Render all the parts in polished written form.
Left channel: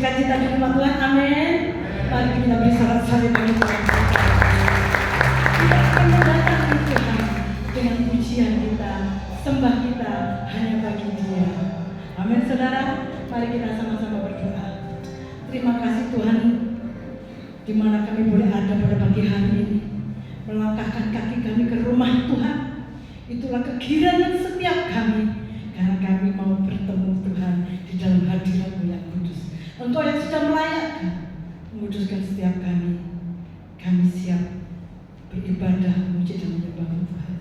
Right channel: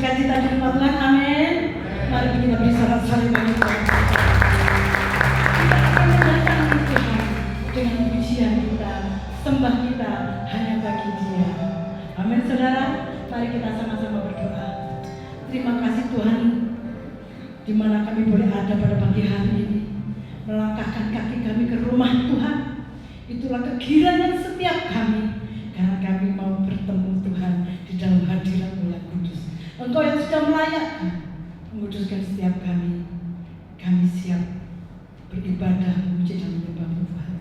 bersukacita di rumah Tuhan. Amin. Mari kita beri sorak-sorai bagi Tuhan. Kita akan mendatangi Tuhan dengan pujian kita, sembah kita hanya bagi Dia. Amin, saudara. Mari kita sama-sama berdoa. Terima kasih Tuhan, di mana kami boleh ada pada pagi hari ini, melangkahkan kaki kami ke rumah Tuhan. Itulah kegirangan setiap kami, karena kami mau bertemu Tuhan di dalam hadirat-Mu yang kudus. Engkau yang sudah melayakan, menguduskan setiap kami. Kami siap beribadah, memuji dan menyembah Tuhan.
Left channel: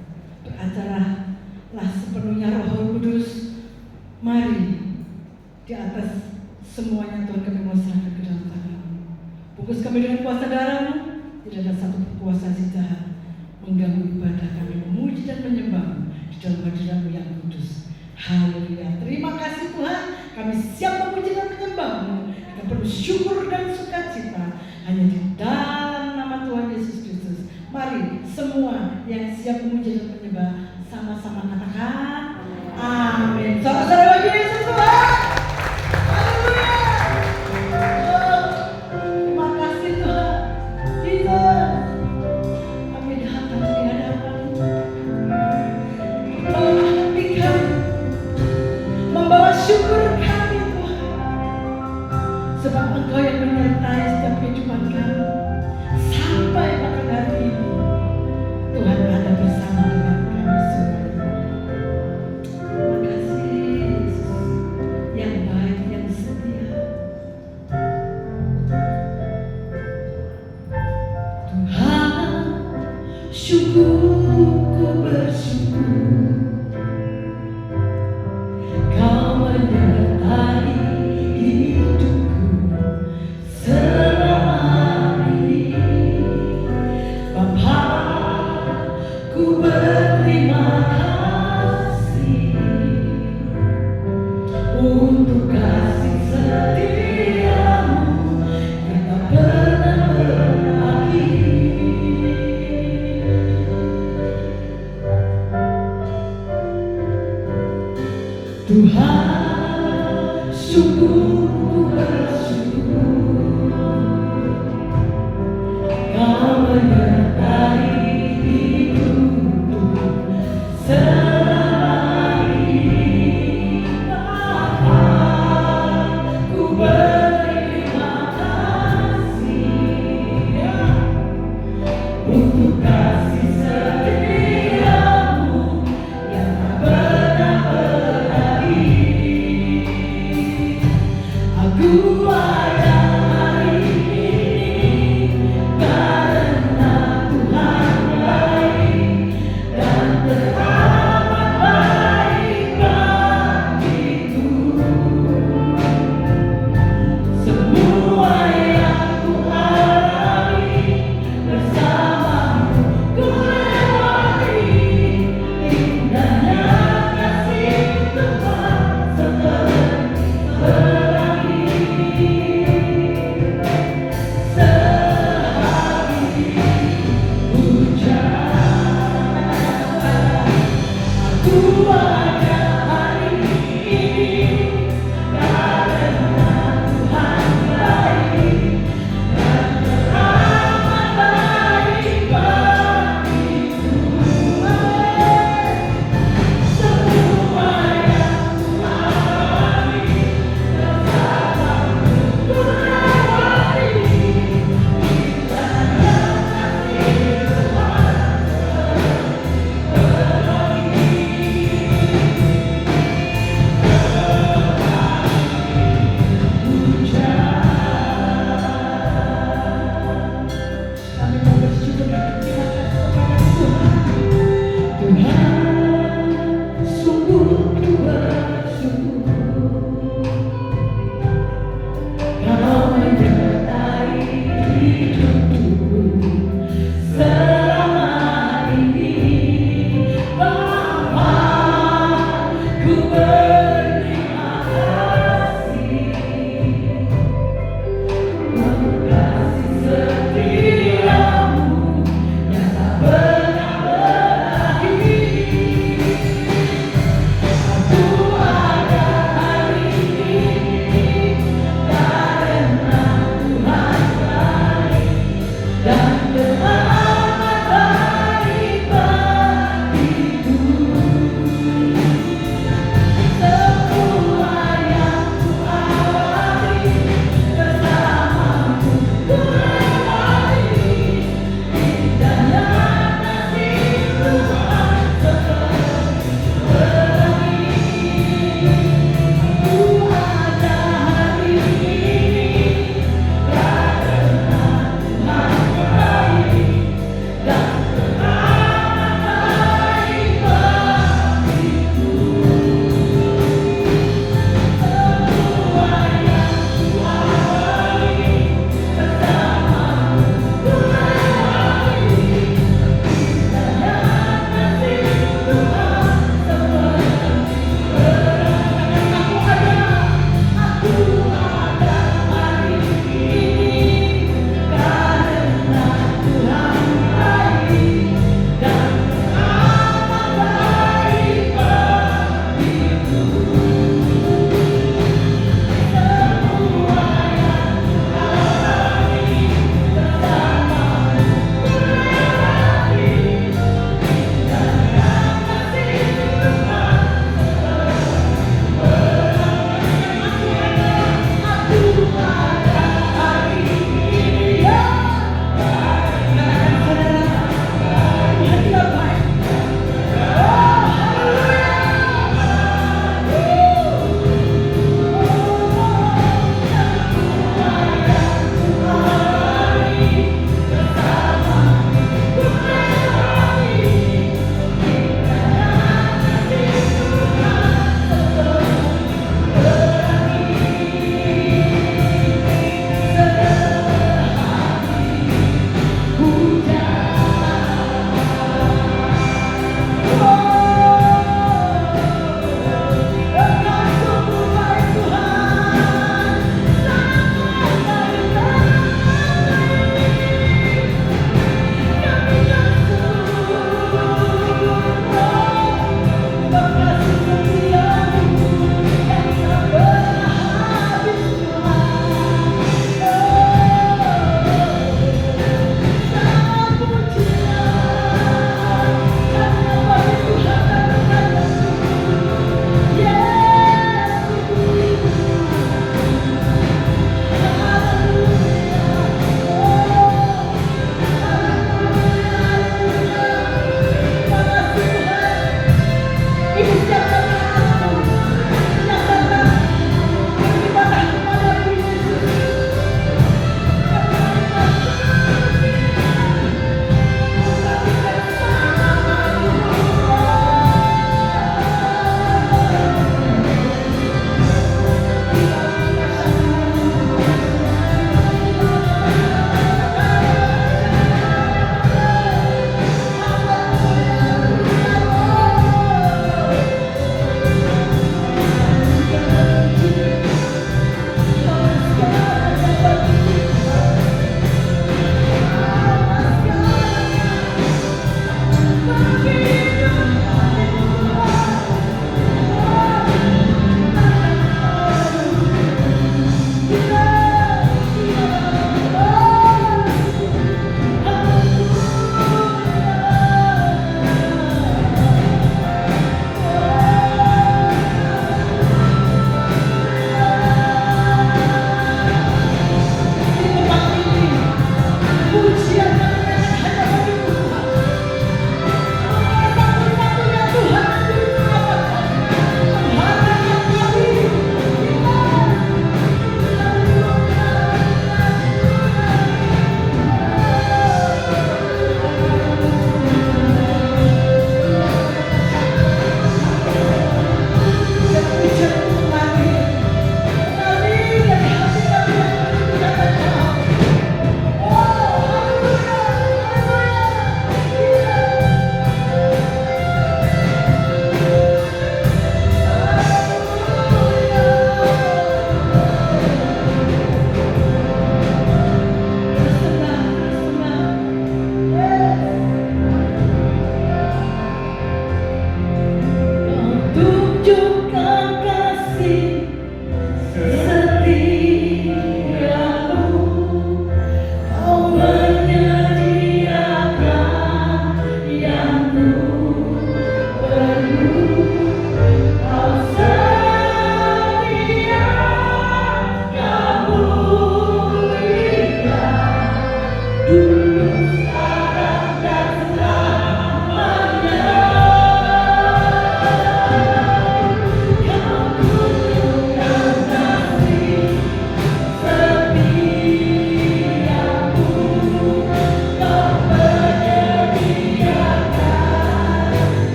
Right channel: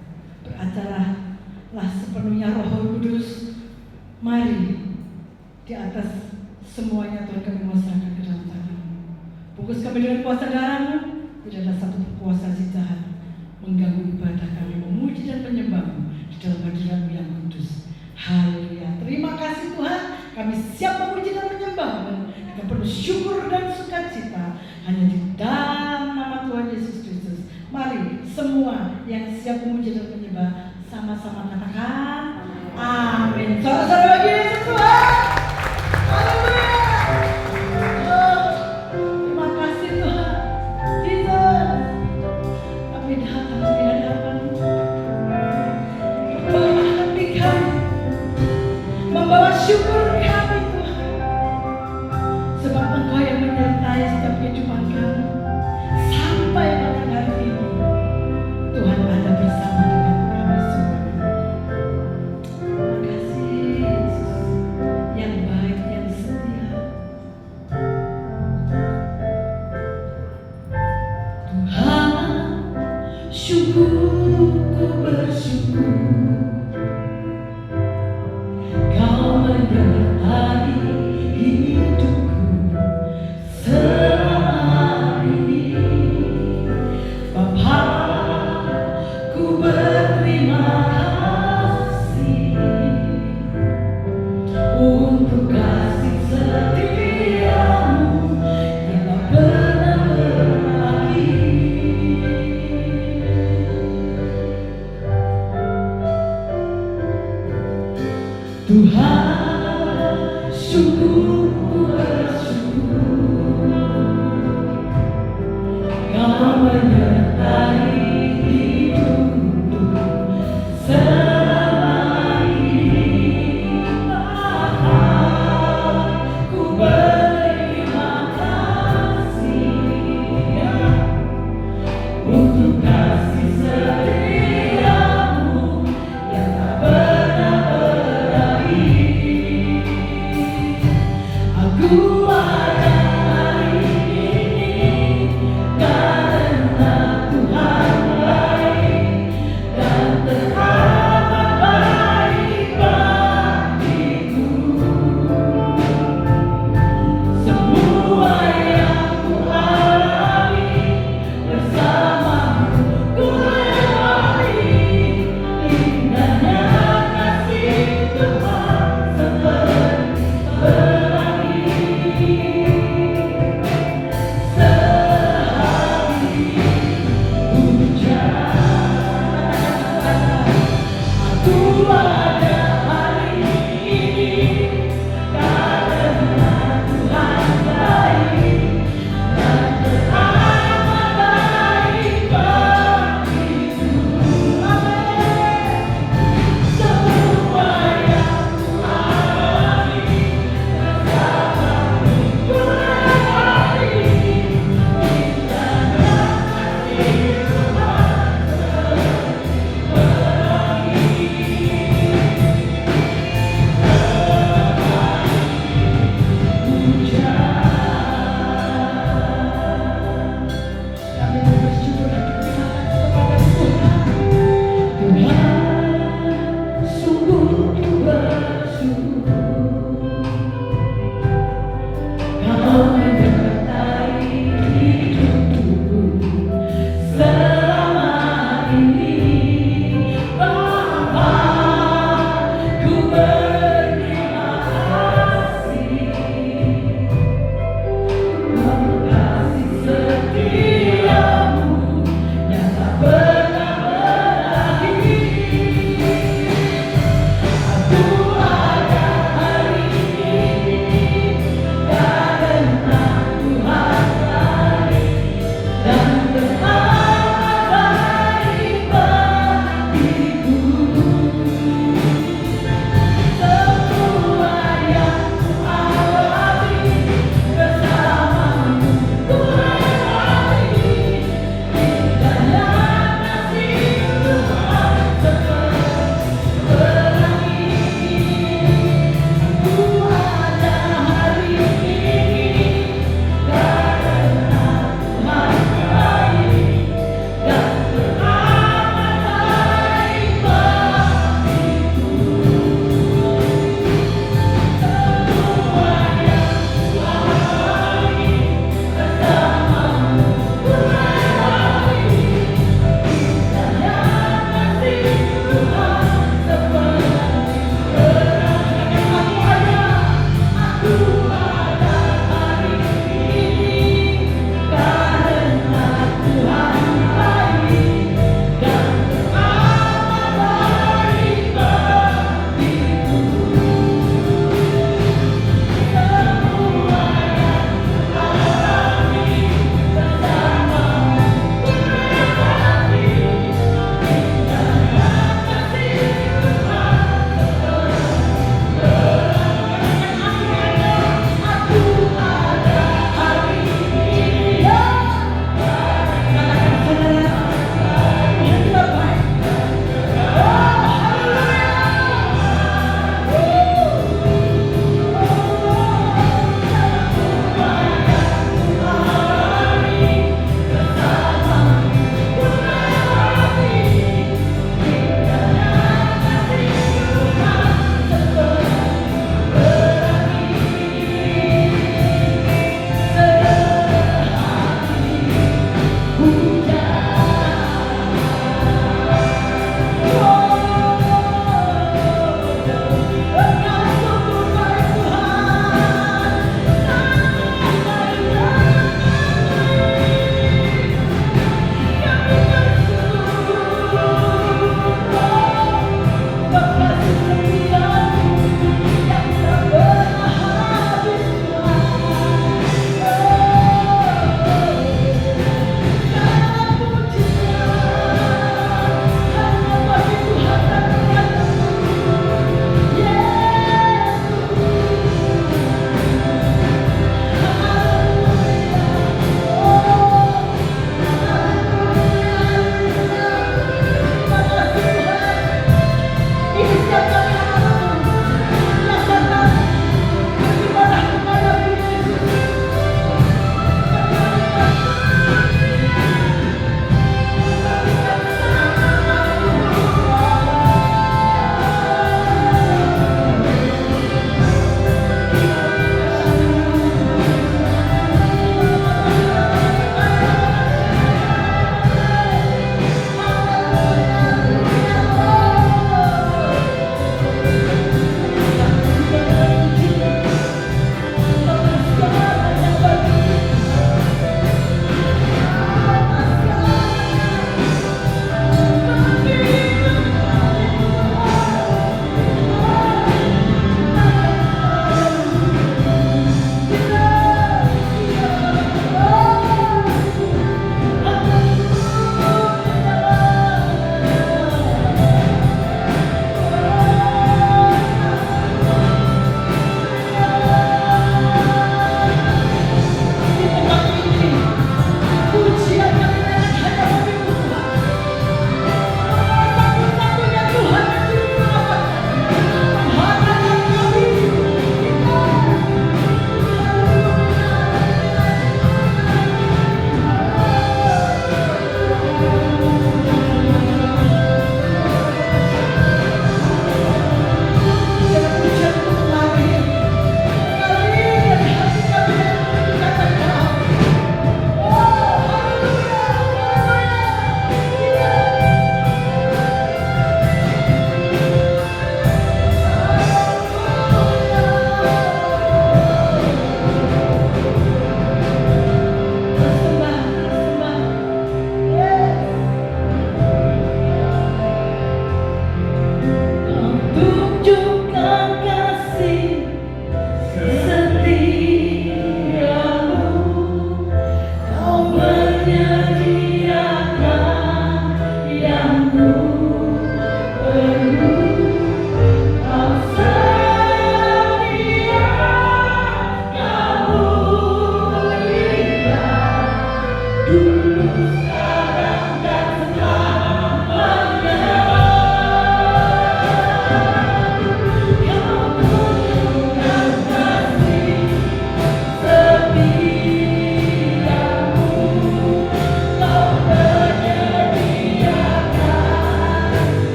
Beracaralah sepenuhnya Roh Kudus. Mari di atas semuanya Tuhan kami mau serahkan ke dalam tangan-Mu. Bungkus kami dengan kuasa darah-Mu. Tidak ada satu kekuasaan si jahat mengganggu ibadah kami, memuji dan menyembah-Mu di dalam hadirat-Mu yang kudus. Haleluya. Terima kasih Tuhan. Kami siap memuji dan menyembah-Mu dengan penuh syukur dan sukacita hanya di dalam nama Tuhan Yesus Kristus. Mari semua yang siap memuji dan menyembah sama-sama katakan amin. Sorak-sorai bagi Yesus Tuhan. Haleluya. Terima kasih Tuhan. Jesus. Kami datang di hadapan-Mu. Membawa hati kami, membawa syukur kami Tuhan. Sebab Engkau yang menyertai setiap kehidupan kami sampai pada hari ini. Tuhan ada bersama dengan kami semua. Terima kasih Yesus yang baik, yang setia. Tuhan, syukurku bersyukur Kau menyertai hidupku selama ini. Bapa, ku berterima kasih untuk kasih setiamu yang tak pernah berakhir. Tuhan, syukurku bersyukur Kau menyertai hidupku selama ini. Bapa, ku berterima kasih untuk kasih setiamu yang tak pernah berakhir.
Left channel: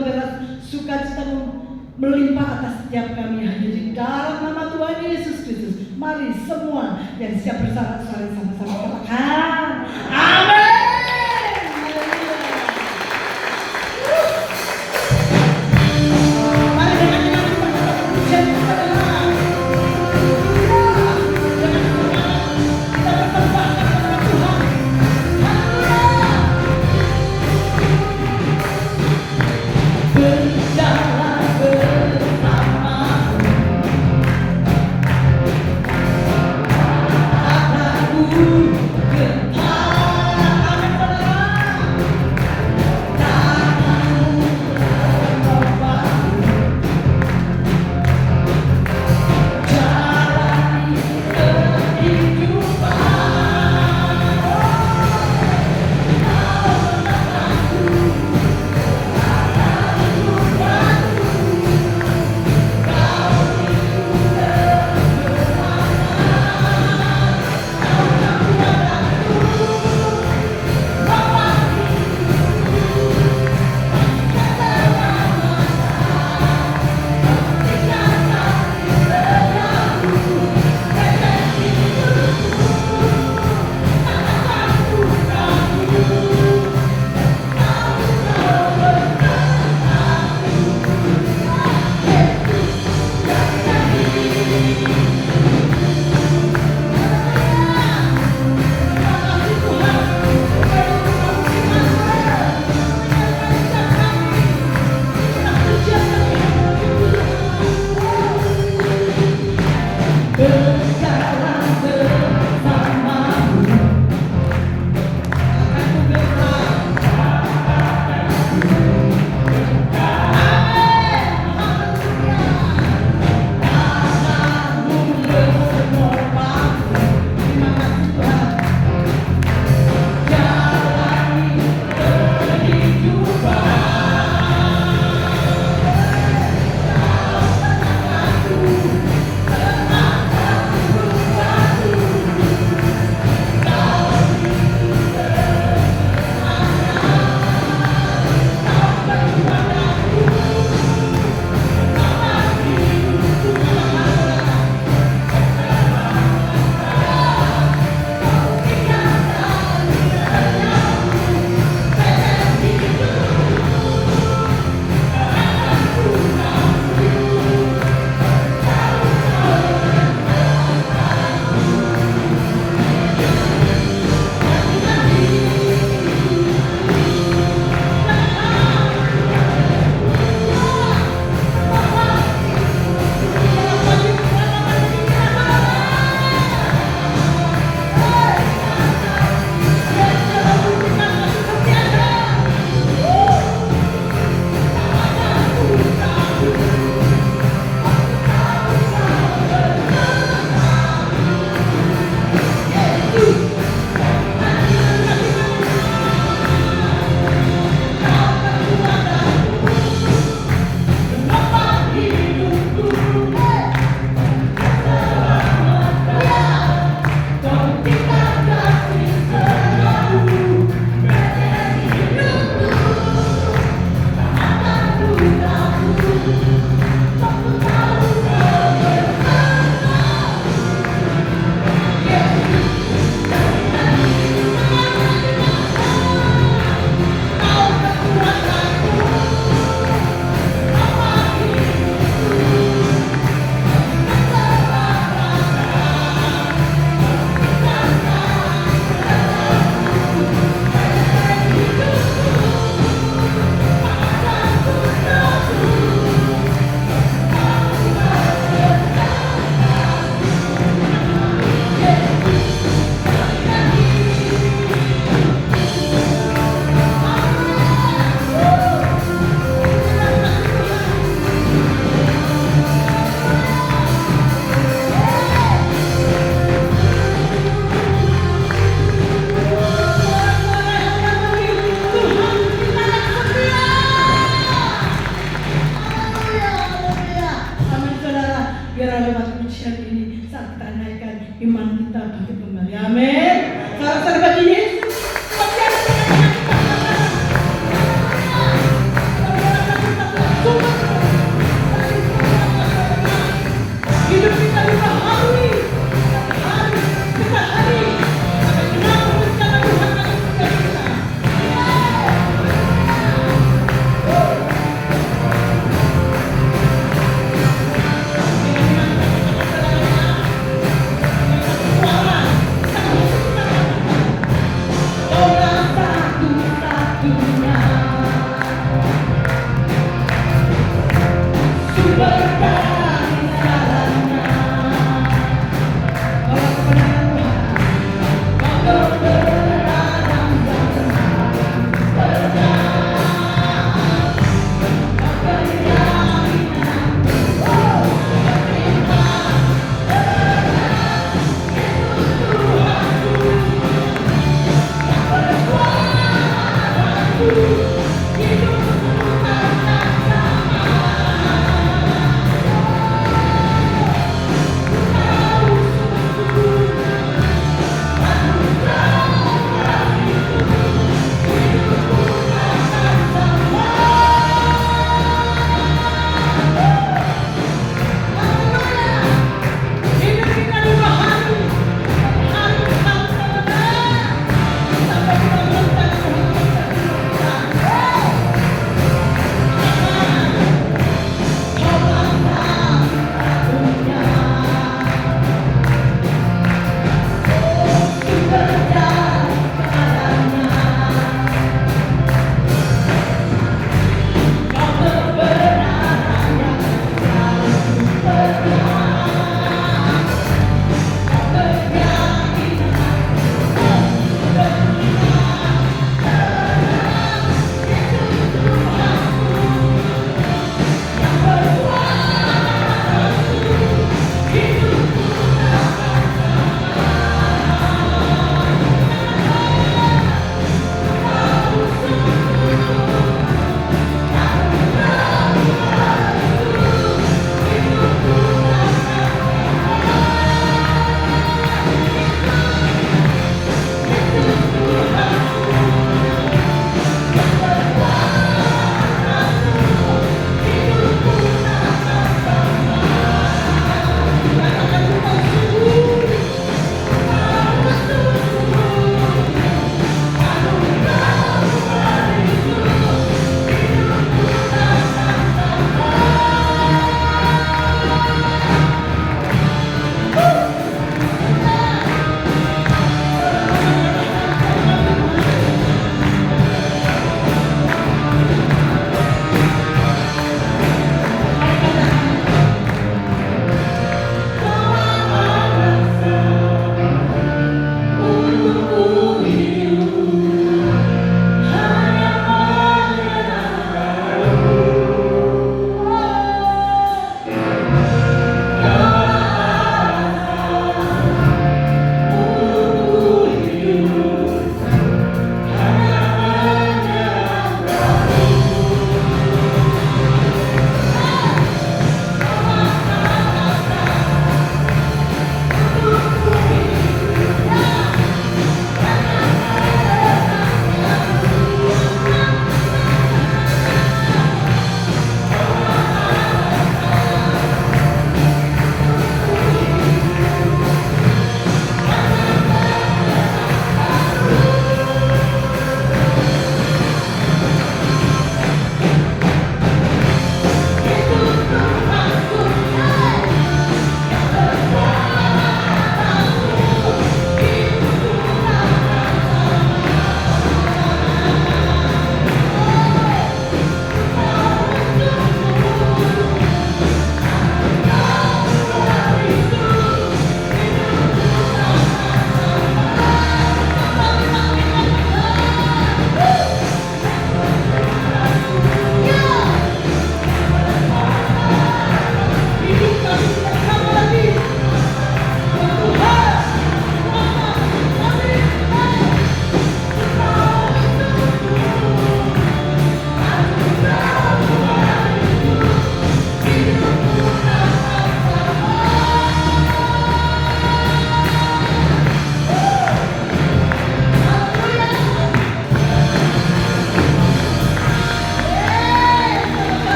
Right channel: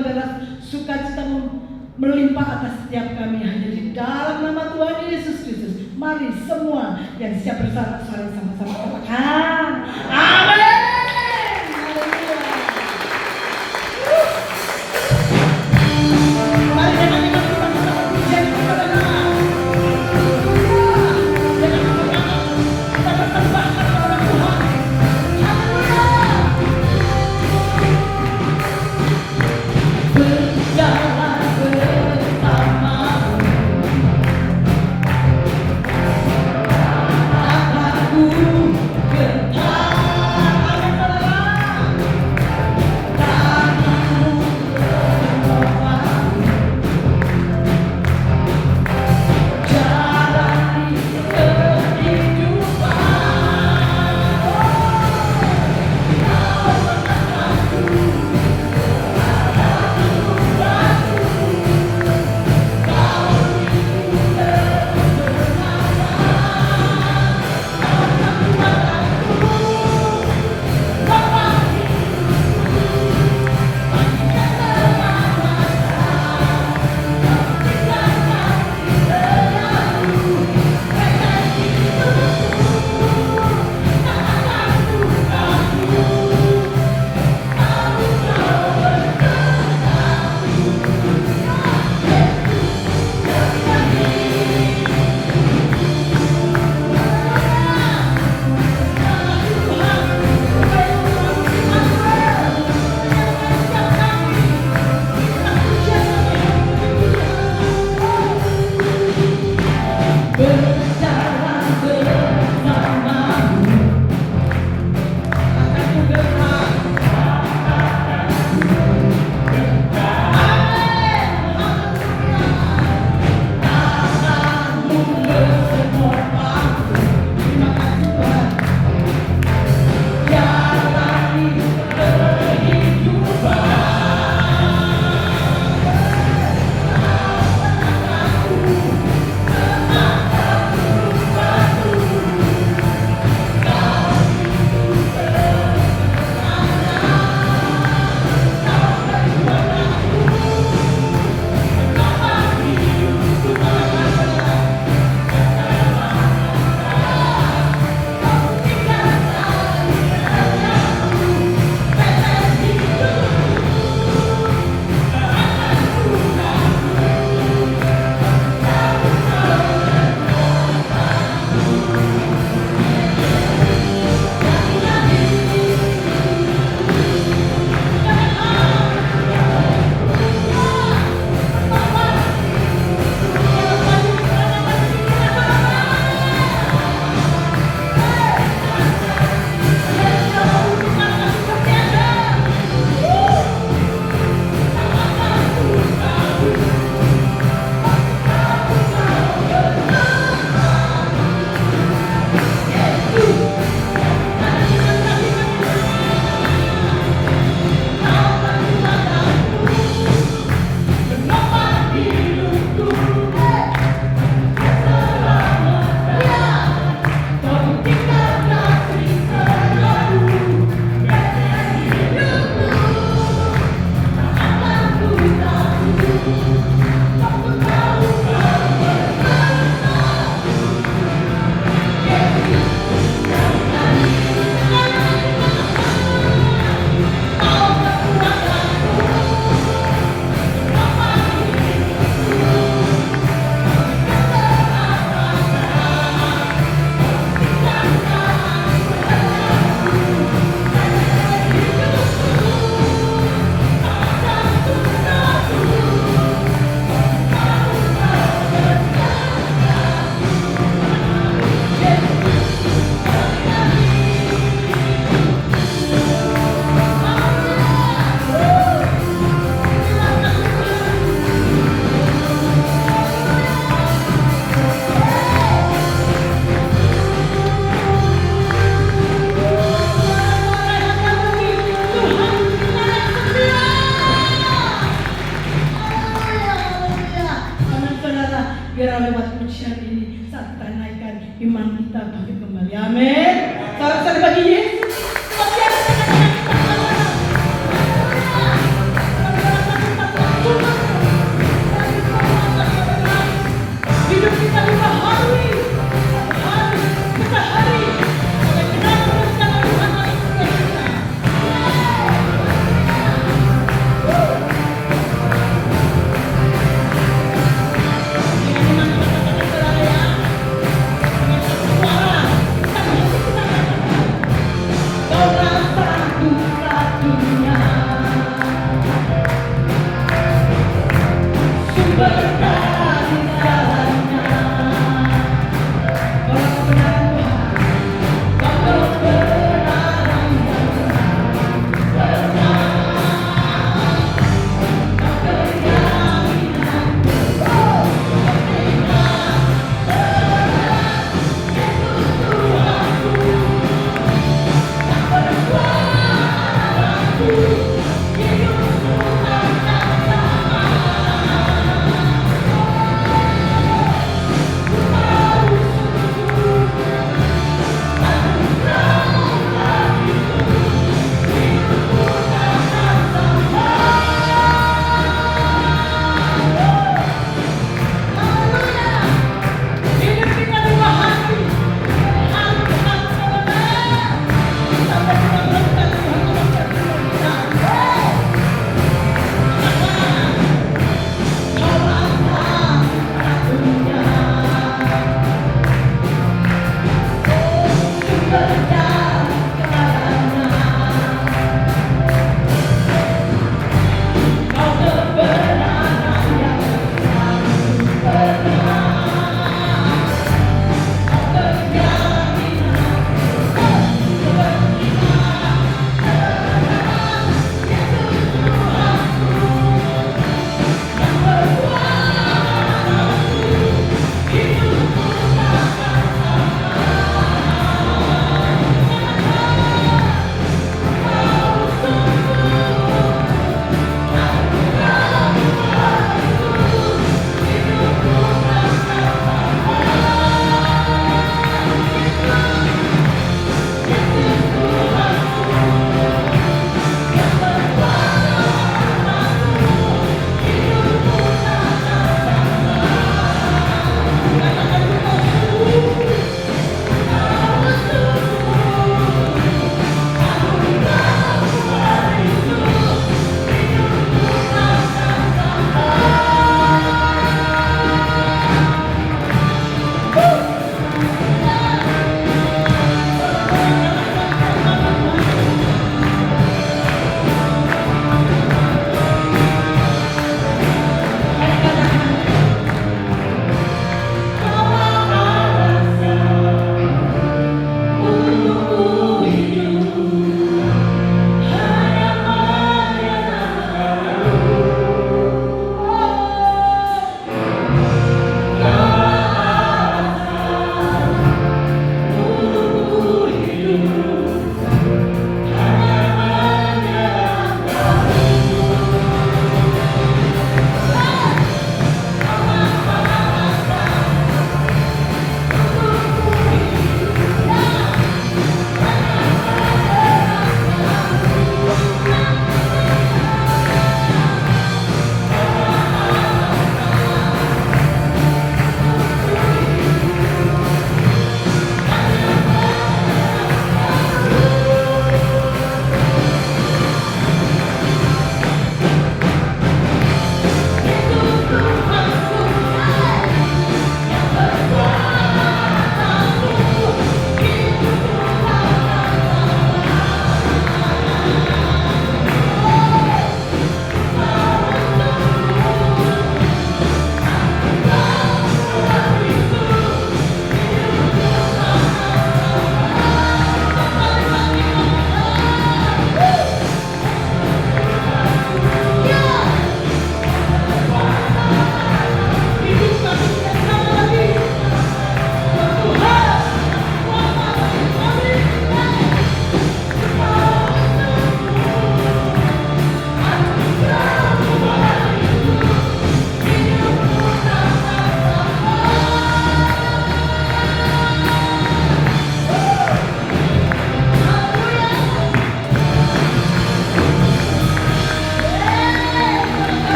berderas sukacita melimpah atas setiap kami hanya di dalam nama Tuhan Yesus Kristus. Mari semua yang siap bersama sama-sama katakan amin. Mari dengan kita katakan pujian kepada Allah.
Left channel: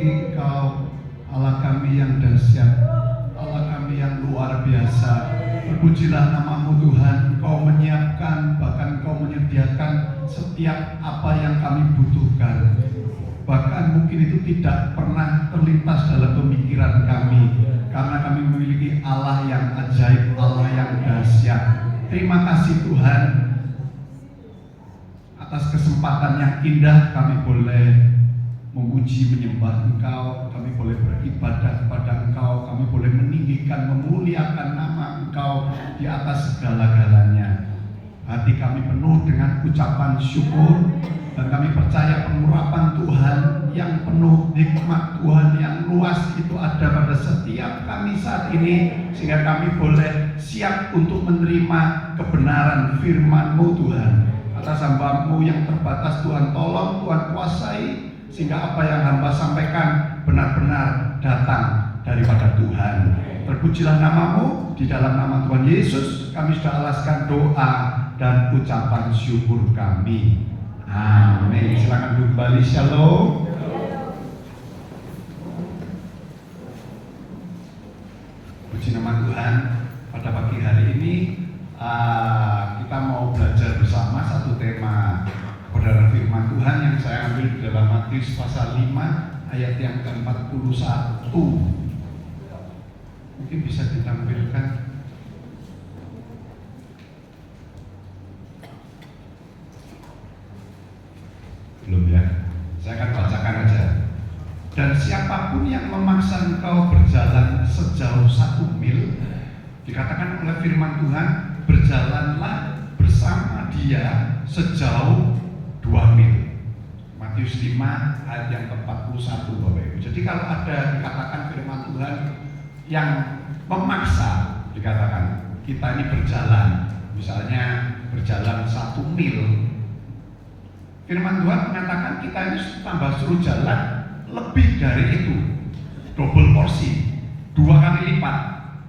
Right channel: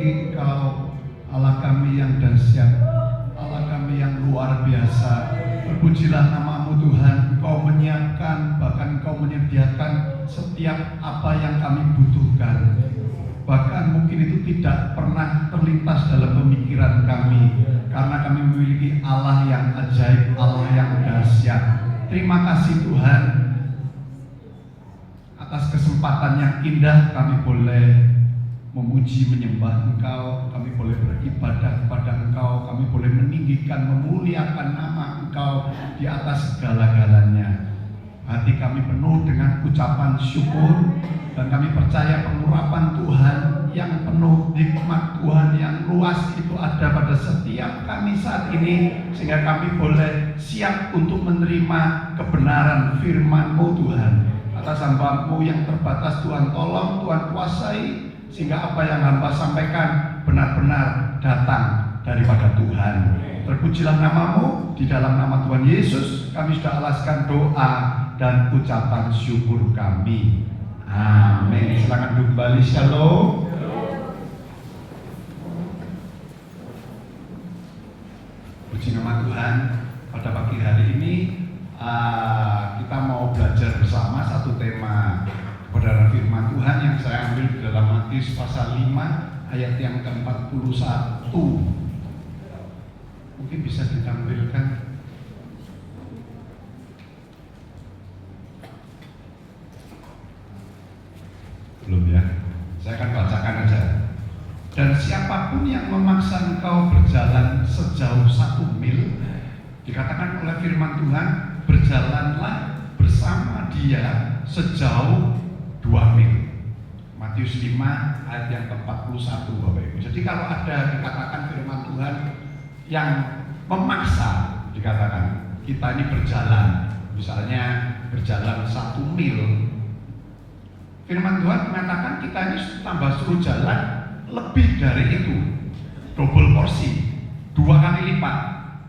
memiliki Engkau, Allah kami yang dahsyat, Allah kami yang luar biasa. Terpujilah nama-Mu Tuhan. Engkau menyiapkan, bahkan Engkau menyediakan setiap apa yang kami butuhkan. Bahkan mungkin itu tidak pernah terlintas dalam pemikiran kami, karena kami memiliki Allah yang ajaib, Allah yang dahsyat. Terima kasih Tuhan atas kesempatan yang indah kami boleh memuji menyembah Engkau, kami boleh beribadah kepada Engkau, kami boleh meninggikan, memuliakan nama Engkau di atas segala-galanya. Hati kami penuh dengan ucapan syukur, dan kami percaya pengurapan Tuhan yang penuh, nikmat Tuhan yang luas itu ada pada setiap kami saat ini, sehingga kami boleh siap untuk menerima kebenaran firman-Mu Tuhan. Atas hamba-Mu yang terbatas Tuhan tolong, Tuhan kuasai, sehingga apa yang hamba sampaikan benar-benar datang daripada Tuhan. Terpujilah nama-Mu, di dalam nama Tuhan Yesus kami sudah alaskan doa dan ucapan syukur kami. Amin. Silakan duduk kembali. Shalom. Puji nama Tuhan. Pada pagi hari ini kita mau belajar bersama satu tema kebenaran firman Tuhan yang saya ambil di dalam Matius pasal 5 ayat yang ke-41. Mungkin bisa ditampilkan. Belum ya? Saya akan bacakan aja. Dan siapapun yang memaksa engkau berjalan sejauh 1 mil, dikatakan oleh firman Tuhan, berjalanlah bersama dia sejauh 2 mil. Matius 5 ayat yang ke-41 Bapak Ibu. Jadi kalau ada dikatakan firman Tuhan yang memaksa, dikatakan kita ini berjalan, misalnya berjalan 1 mil, firman Tuhan mengatakan kita ini tambah suruh jalan lebih dari itu, double porsi, 2 kali lipat.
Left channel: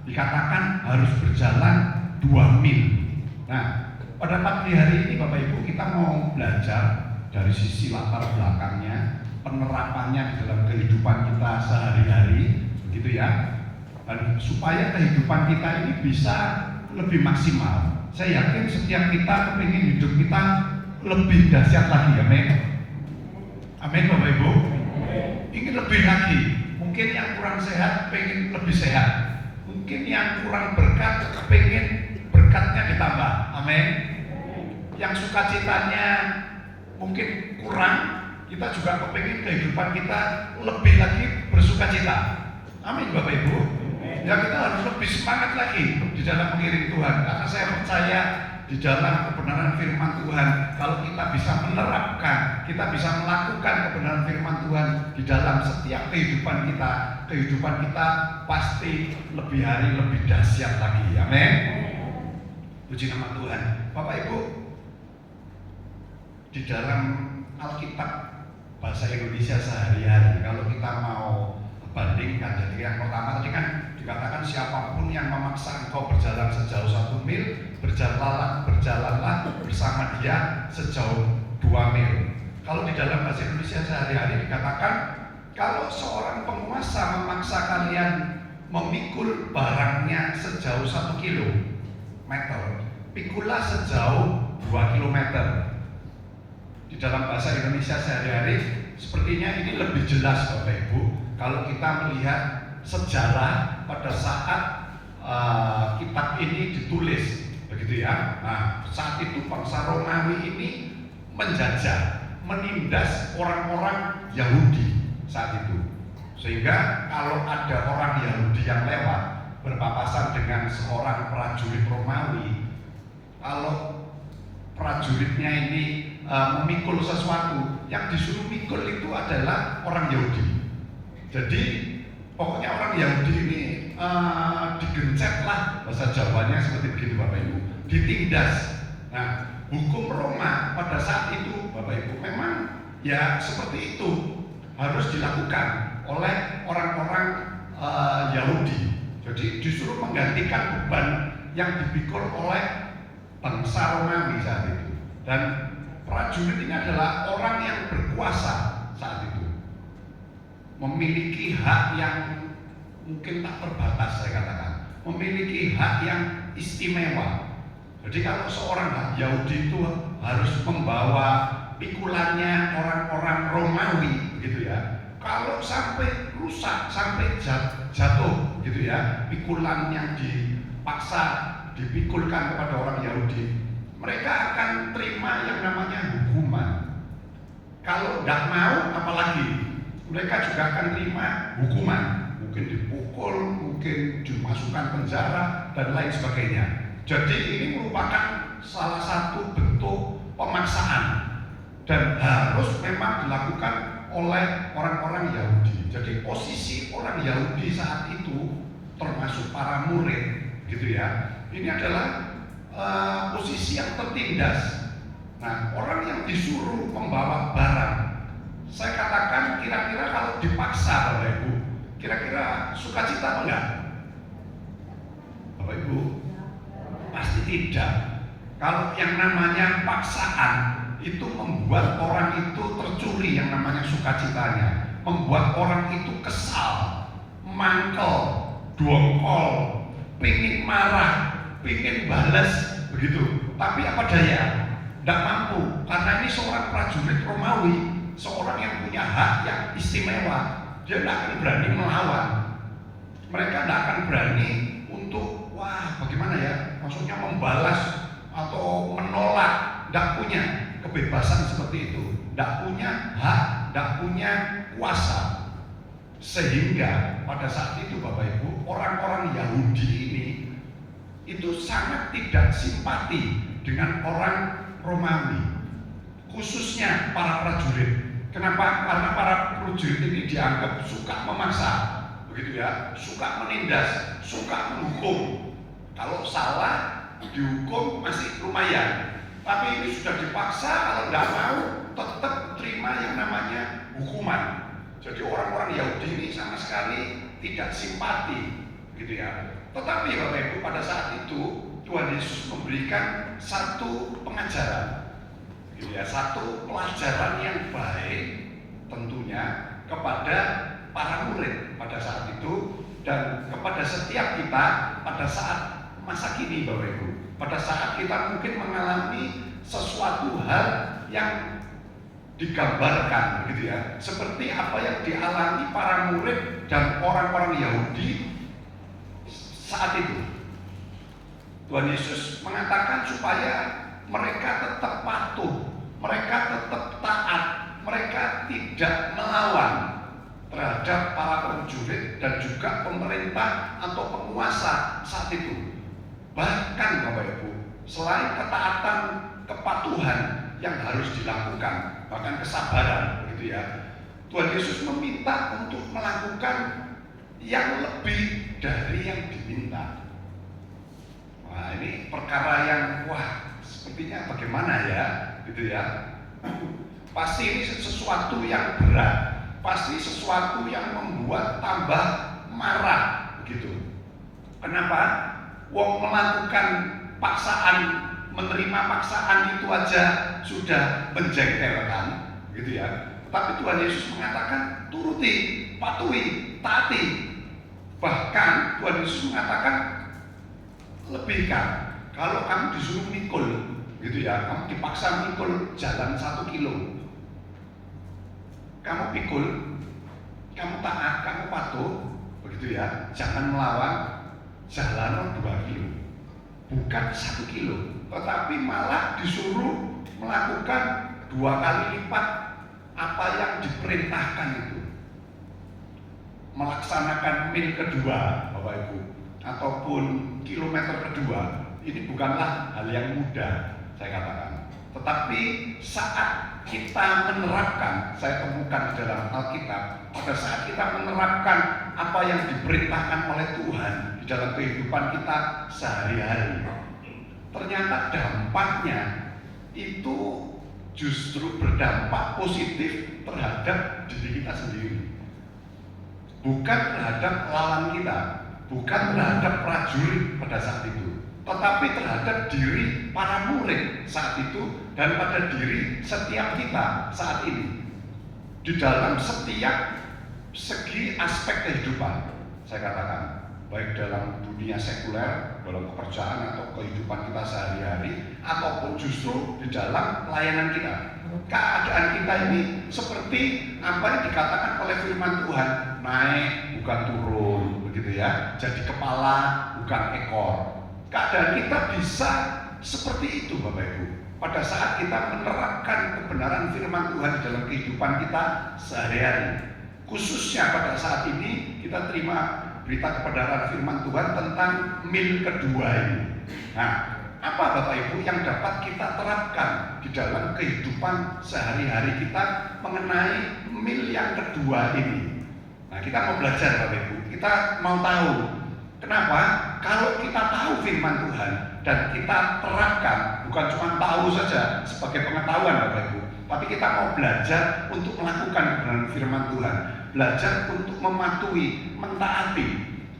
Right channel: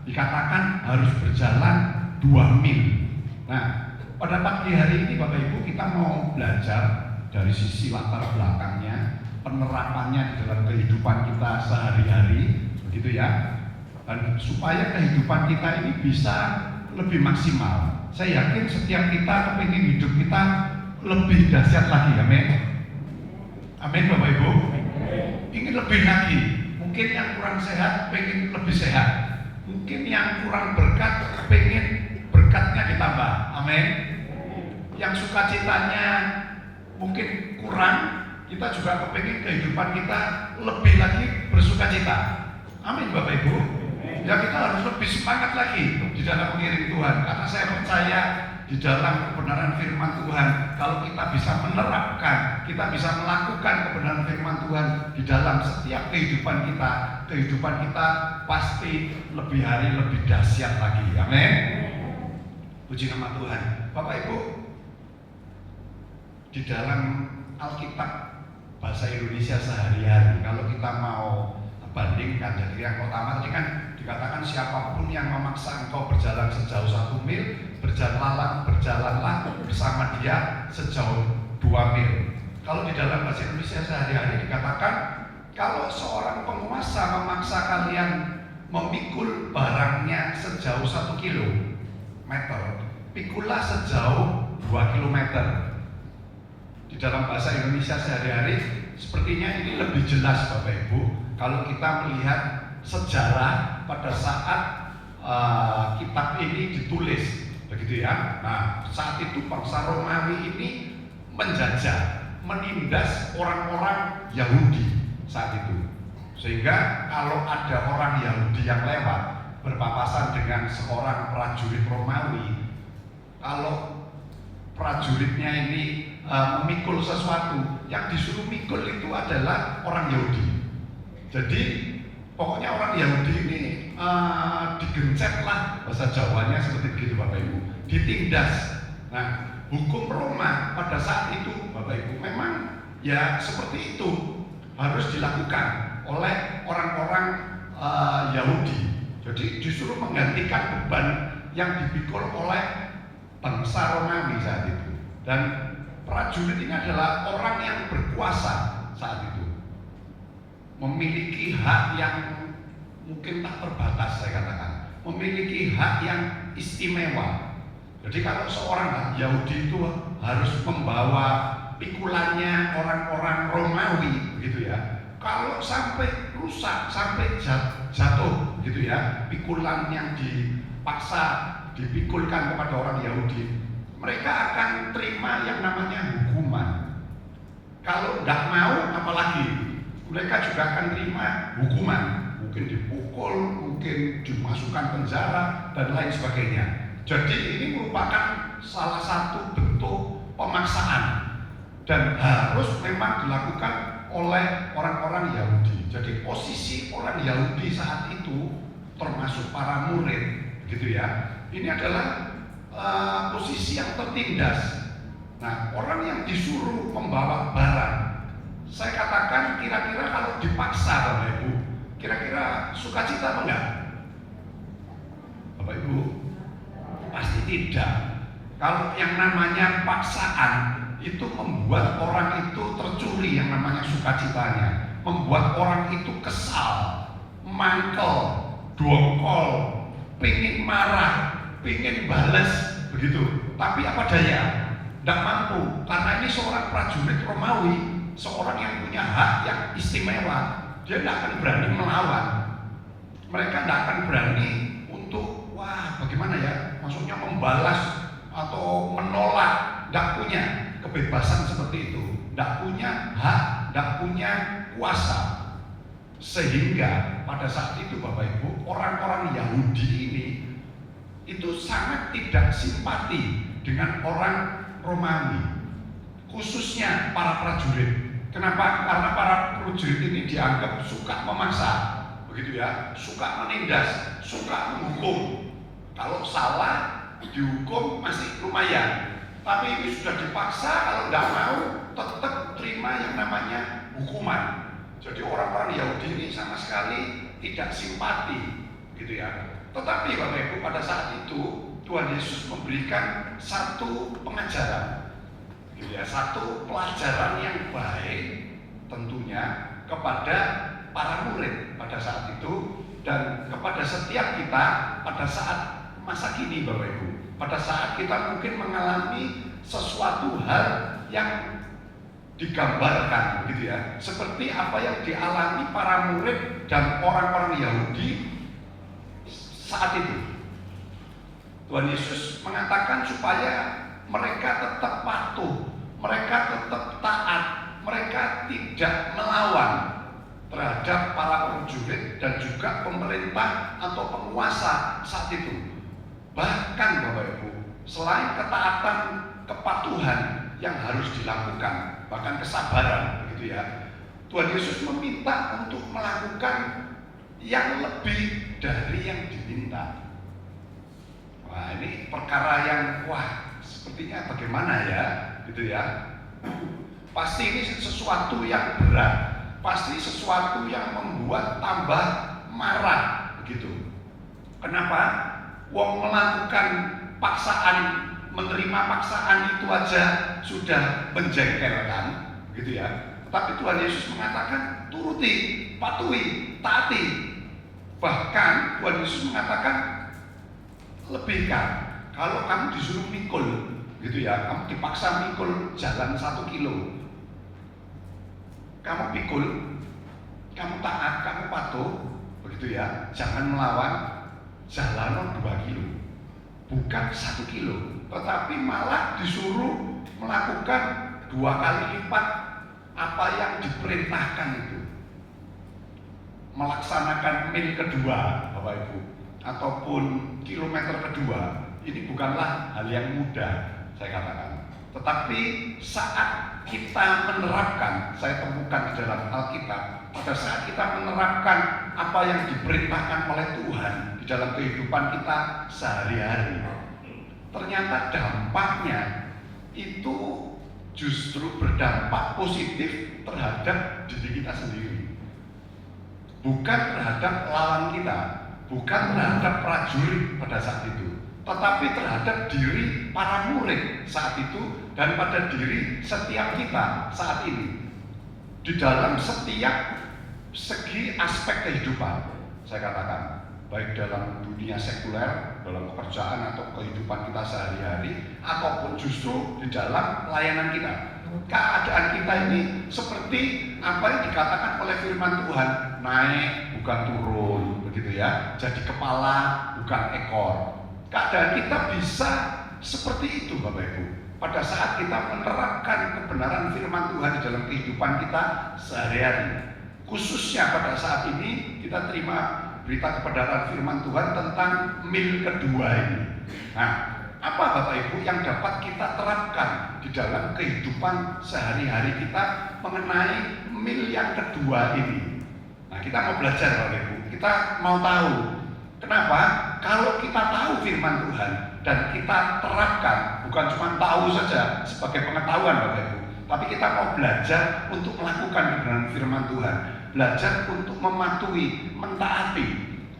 Dikatakan harus berjalan 2 mil. Nah, pada pagi hari ini Bapak Ibu kita mau belajar dari sisi latar belakangnya, penerapannya di dalam kehidupan kita sehari-hari, gitu ya. Dan supaya kehidupan kita ini bisa lebih maksimal. Saya yakin setiap kita kepingin hidup kita lebih dahsyat lagi, amin. Amin Bapak Ibu. Ingin lebih lagi. Mungkin yang kurang sehat pengen lebih sehat. Mungkin yang kurang berkat pengen berkatnya ditambah, amin. Yang sukacitanya mungkin kurang, kita juga kepingin kehidupan kita lebih lagi bersukacita, amin Bapak Ibu. Ya kita harus lebih semangat lagi di dalam mengiring Tuhan, karena saya percaya di dalam kebenaran firman Tuhan, kalau kita bisa menerapkan, kita bisa melakukan kebenaran firman Tuhan di dalam setiap kehidupan kita pasti lebih hari lebih dahsyat lagi, amin. Puji nama Tuhan. Bapak Ibu, di dalam Alkitab bahasa Indonesia sehari-hari, kalau kita mau bandingkan, jadi yang pertama tadi kan dikatakan siapapun yang memaksa engkau berjalan sejauh 1 mil, berjalanlah bersama dia sejauh 2 mil. Kalau di dalam bahasa Indonesia sehari-hari dikatakan, kalau seorang penguasa memaksa kalian memikul barangnya sejauh 1 kilometer, pikulah sejauh 2 kilometer. Di dalam bahasa Indonesia sehari-hari sepertinya ini lebih jelas Bapak Ibu, kalau kita melihat sejarah pada saat kitab ini ditulis, begitu ya. Nah, saat itu bangsa Romawi ini menjajah, menindas orang-orang Yahudi saat itu. Sehingga kalau ada orang Yahudi yang lewat berpapasan dengan seorang prajurit Romawi, kalau prajuritnya ini memikul sesuatu, yang disuruh mikul itu adalah orang Yahudi. Jadi pokoknya orang Yahudi ini digencet lah, bahasa Jawanya seperti begitu Bapak Ibu, ditindas. Nah, hukum Roma pada saat itu Bapak Ibu memang ya seperti itu, harus dilakukan oleh orang-orang Yahudi. Jadi disuruh menggantikan beban yang dipikul oleh bangsa Romawi saat itu. Dan prajurit ini adalah orang yang berkuasa saat itu. memiliki hak yang mungkin tak terbatas, saya katakan, memiliki hak yang istimewa. Jadi kalau seorang Yahudi itu harus membawa pikulannya orang-orang Romawi, begitu ya. Kalau sampai rusak, sampai jatuh, gitu ya, pikulan yang dipaksa dipikulkan kepada orang Yahudi, mereka akan terima yang namanya hukuman. Kalau tidak mau, apalagi mereka juga akan terima hukuman, mungkin dipukul, mungkin dimasukkan penjara dan lain sebagainya. Jadi ini merupakan salah satu bentuk pemaksaan dan harus memang dilakukan oleh orang-orang Yahudi. Jadi posisi orang Yahudi saat itu termasuk para murid, gitu ya. Ini adalah posisi yang tertindas. Nah, orang yang disuruh membawa barang, saya katakan kira-kira kalau dipaksa, Bapak Ibu, kira-kira sukacita apa enggak? Bapak Ibu, pasti tidak. Kalau yang namanya paksaan itu membuat orang itu tercuri yang namanya sukacitanya, membuat orang itu kesal, mangkel, dongkol, pingin marah, pingin balas, begitu. Tapi apa daya? Tidak mampu, karena ini seorang prajurit Romawi, seorang yang punya hak yang istimewa. Dia tidak akan berani melawan. Mereka tidak akan berani untuk, wah bagaimana ya, maksudnya membalas atau menolak. Tidak punya kebebasan seperti itu, tidak punya hak, tidak punya kuasa. Sehingga pada saat itu Bapak Ibu, orang-orang Yahudi ini itu sangat tidak simpati dengan orang Romawi, khususnya para prajurit. Kenapa? Karena para prajurit ini dianggap suka memaksa, begitu ya, suka menindas, suka menghukum. Kalau salah dihukum masih lumayan, tapi ini sudah dipaksa, kalau nggak mau tetap terima yang namanya hukuman. Jadi orang-orang Yahudi ini sama sekali tidak simpati, gitu ya. Tetapi Bapak Ibu, pada saat itu Tuhan Yesus memberikan satu pengajaran, gitu ya, satu pelajaran yang baik tentunya kepada para murid pada saat itu dan kepada setiap kita pada saat masa kini, Bapak Ibu. Pada saat kita mungkin mengalami sesuatu hal yang digambarkan, gitu ya, seperti apa yang dialami para murid dan orang-orang Yahudi saat itu. Tuhan Yesus mengatakan supaya mereka tetap patuh, mereka tetap taat, mereka tidak melawan terhadap para prajurit dan juga pemerintah atau penguasa saat itu. Bahkan Bapak Ibu, selain ketaatan, kepatuhan yang harus dilakukan, bahkan kesabaran, gitu ya, Tuhan Yesus meminta untuk melakukan yang lebih dari yang diminta. Wah, ini perkara yang sepertinya bagaimana ya, gitu ya. Pasti ini sesuatu yang berat, pasti sesuatu yang membuat tambah marah, begitu. Kenapa? Wong melakukan paksaan, menerima paksaan itu aja sudah menjengkelkan, gitu ya. Tapi Tuhan Yesus mengatakan turuti, patuhi, taati. Bahkan Tuhan Yesus mengatakan lebihkan. Kalau kamu disuruh mikul, gitu ya, kamu dipaksa mikul jalan 1 kilo, kamu pikul, kamu taat, kamu patuh, begitu ya. Jangan melawan, jalan 2 kilo, bukan 1 kilo, tetapi malah disuruh melakukan 2 kali lipat apa yang diperintahkan itu. Melaksanakan mil kedua, Bapak Ibu, ataupun kilometer kedua, ini bukanlah hal yang mudah, saya katakan. Tetapi saat kita menerapkan, saya temukan di dalam Alkitab, pada saat kita menerapkan apa yang diperintahkan oleh Tuhan di dalam kehidupan kita sehari-hari, ternyata dampaknya itu justru berdampak positif terhadap diri kita sendiri, bukan terhadap lawan kita, bukan terhadap prajurit pada saat itu, tetapi terhadap diri para murid saat itu dan pada diri setiap kita saat ini. Di dalam setiap segi aspek kehidupan, saya katakan, baik dalam dunia sekuler, dalam pekerjaan atau kehidupan kita sehari-hari, ataupun justru di dalam pelayanan kita. Keadaan kita ini seperti apa yang dikatakan oleh firman Tuhan, naik bukan turun, begitu ya. Jadi kepala bukan ekor. Keadaan kita bisa seperti itu, Bapak Ibu. Pada saat kita menerapkan kebenaran firman Tuhan di dalam kehidupan kita sehari-hari, khususnya pada saat ini kita terima berita kebenaran firman Tuhan tentang mil kedua ini. Nah, apa Bapak Ibu yang dapat kita terapkan di dalam kehidupan sehari-hari kita mengenai mil yang kedua ini? Nah, kita mau belajar Bapak Ibu, kita mau tahu kenapa kalau kita tahu firman Tuhan dan kita terapkan, bukan cuma tahu saja sebagai pengetahuan Bapak Ibu, tapi kita mau belajar untuk melakukan kebenaran firman Tuhan, belajar untuk mematuhi, mentaati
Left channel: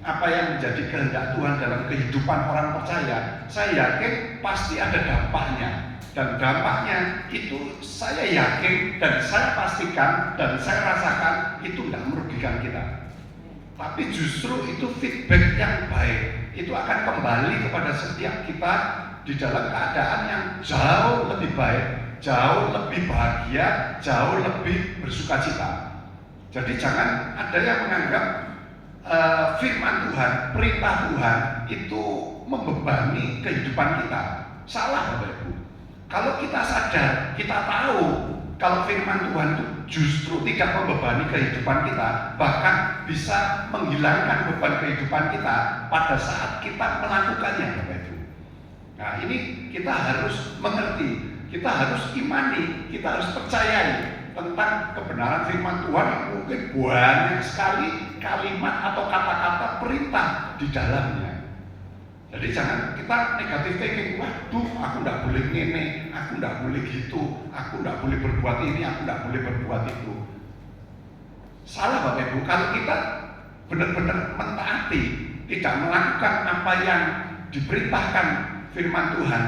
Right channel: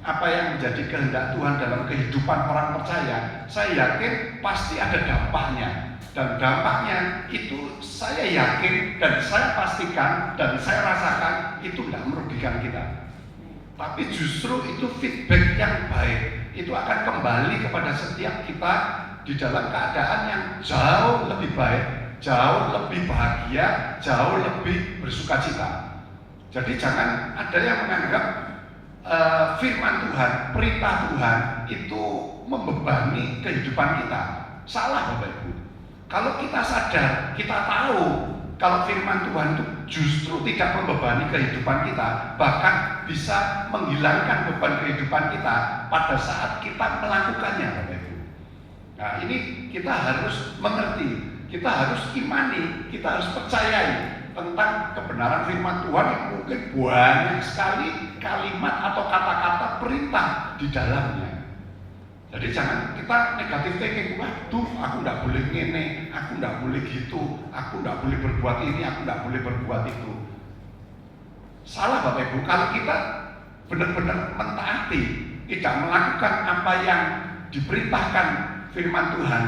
apa yang menjadi kehendak Tuhan dalam kehidupan orang percaya. Saya yakin pasti ada dampaknya, dan dampaknya itu saya yakin dan saya pastikan dan saya rasakan itu tidak merugikan kita, tapi justru itu feedback yang baik. Itu akan kembali kepada setiap kita di dalam keadaan yang jauh lebih baik, jauh lebih bahagia, jauh lebih bersukacita. Jadi jangan ada yang menganggap firman Tuhan, perintah Tuhan itu membebani kehidupan kita. Salah Bapak Ibu. Kalau kita sadar, kita tahu kalau firman Tuhan itu justru tidak membebani kehidupan kita, bahkan bisa menghilangkan beban kehidupan kita pada saat kita melakukannya, Bapak Ibu. Nah, ini kita harus mengerti, kita harus imani, kita harus percayai tentang kebenaran firman Tuhan yang mungkin banyak sekali kalimat atau kata-kata perintah di dalamnya. Jadi jangan kita negatif thinking, waduh aku tidak boleh ngene, aku tidak boleh gitu, aku tidak boleh berbuat ini, aku tidak boleh berbuat itu. Salah Bapak Ibu, kalau kita benar-benar mentaati, tidak melakukan apa yang diperintahkan firman Tuhan,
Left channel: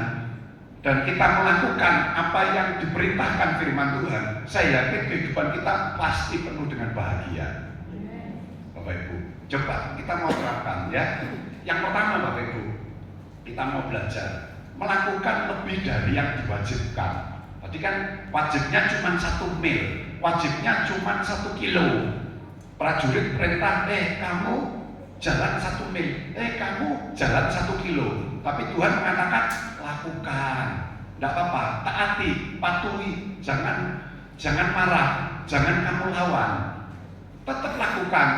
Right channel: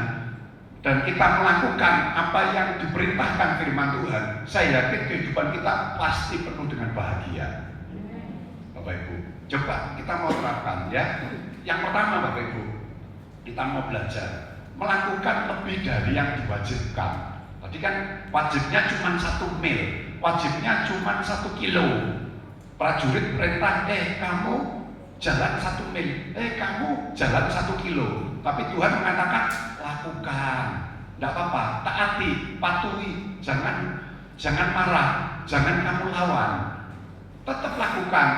dan kita melakukan apa yang diperintahkan firman Tuhan, saya yakin kehidupan kita pasti penuh dengan bahagia. Bapak Ibu, coba kita mau terapkan ya. Yang pertama Bapak Ibu, kita mau belajar melakukan lebih dari yang diwajibkan. Tadi kan wajibnya cuma 1 mil, wajibnya cuma 1 kilo. Prajurit perintah, kamu jalan 1 mil, kamu jalan 1 kilo. Tapi Tuhan mengatakan lakukan, tidak apa-apa, taati, patuhi, jangan marah, jangan kamu lawan, tetap lakukan.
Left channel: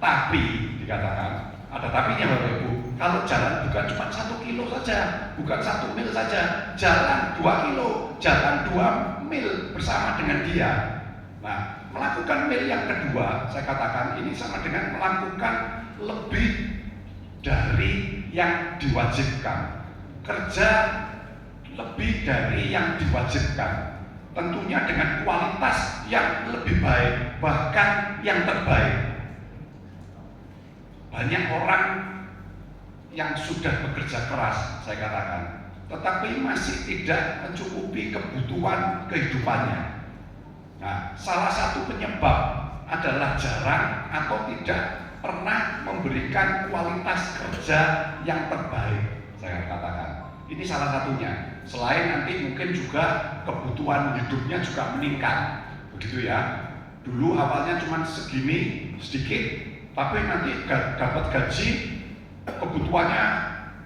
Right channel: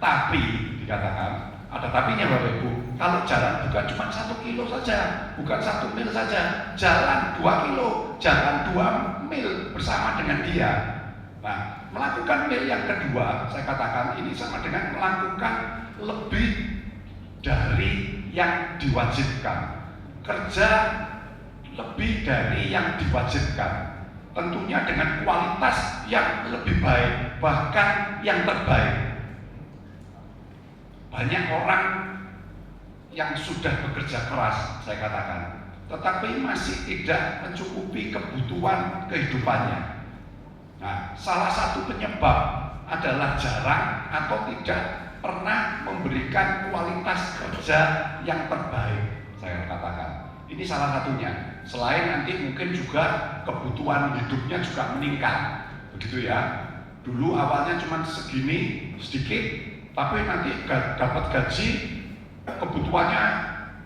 Tapi dikatakan ada tapinya Bapak Ibu, kalau jalan bukan cuma 1 kilo saja, bukan 1 mil saja, jalan 2 kilo, jalan 2 mil bersama dengan dia. Nah, melakukan mil yang kedua, saya katakan ini sama dengan melakukan lebih dari yang diwajibkan, kerja lebih dari yang diwajibkan, tentunya dengan kualitas yang lebih baik, bahkan yang terbaik. Banyak orang yang sudah bekerja keras, saya katakan, tetapi masih tidak mencukupi kebutuhan kehidupannya. Nah, salah satu penyebab adalah jarang atau tidak pernah memberikan kualitas kerja yang terbaik, saya katakan. Ini salah satunya. Selain nanti mungkin juga kebutuhan hidupnya juga meningkat, begitu ya. Dulu awalnya cuma segini, sedikit, tapi nanti dapat gaji, kebutuhannya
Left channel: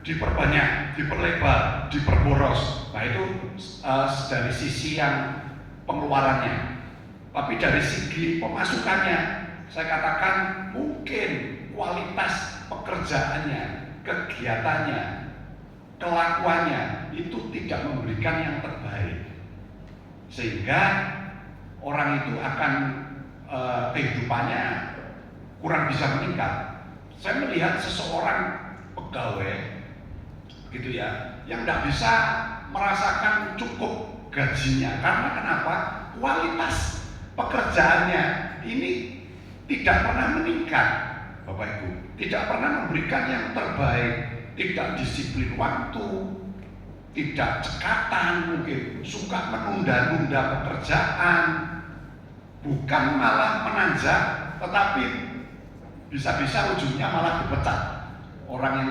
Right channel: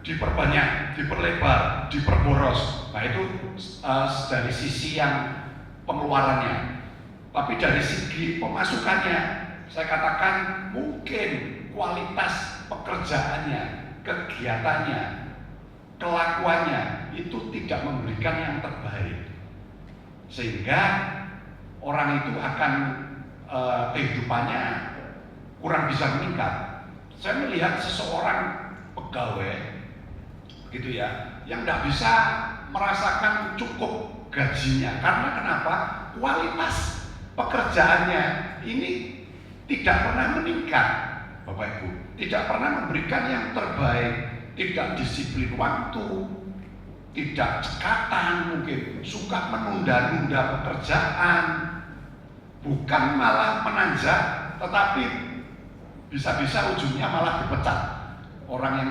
diperbanyak, diperlebar, diperboros. Nah itu dari sisi yang pengeluarannya. Tapi dari segi pemasukannya, saya katakan mungkin kualitas pekerjaannya, kegiatannya, kelakuannya itu tidak memberikan yang terbaik, sehingga orang itu akan kehidupannya kurang bisa meningkat. Saya melihat seseorang pegawai gitu ya, yang tidak bisa merasakan cukup gajinya. Karena kenapa? Kualitas pekerjaannya ini tidak pernah meningkat, Bapak Ibu. Tidak pernah memberikan yang terbaik, tidak disiplin waktu, tidak cekatan, mungkin suka menunda-nunda pekerjaan, bukan malah menanjak tetapi bisa-bisa ujungnya malah dipecat orang yang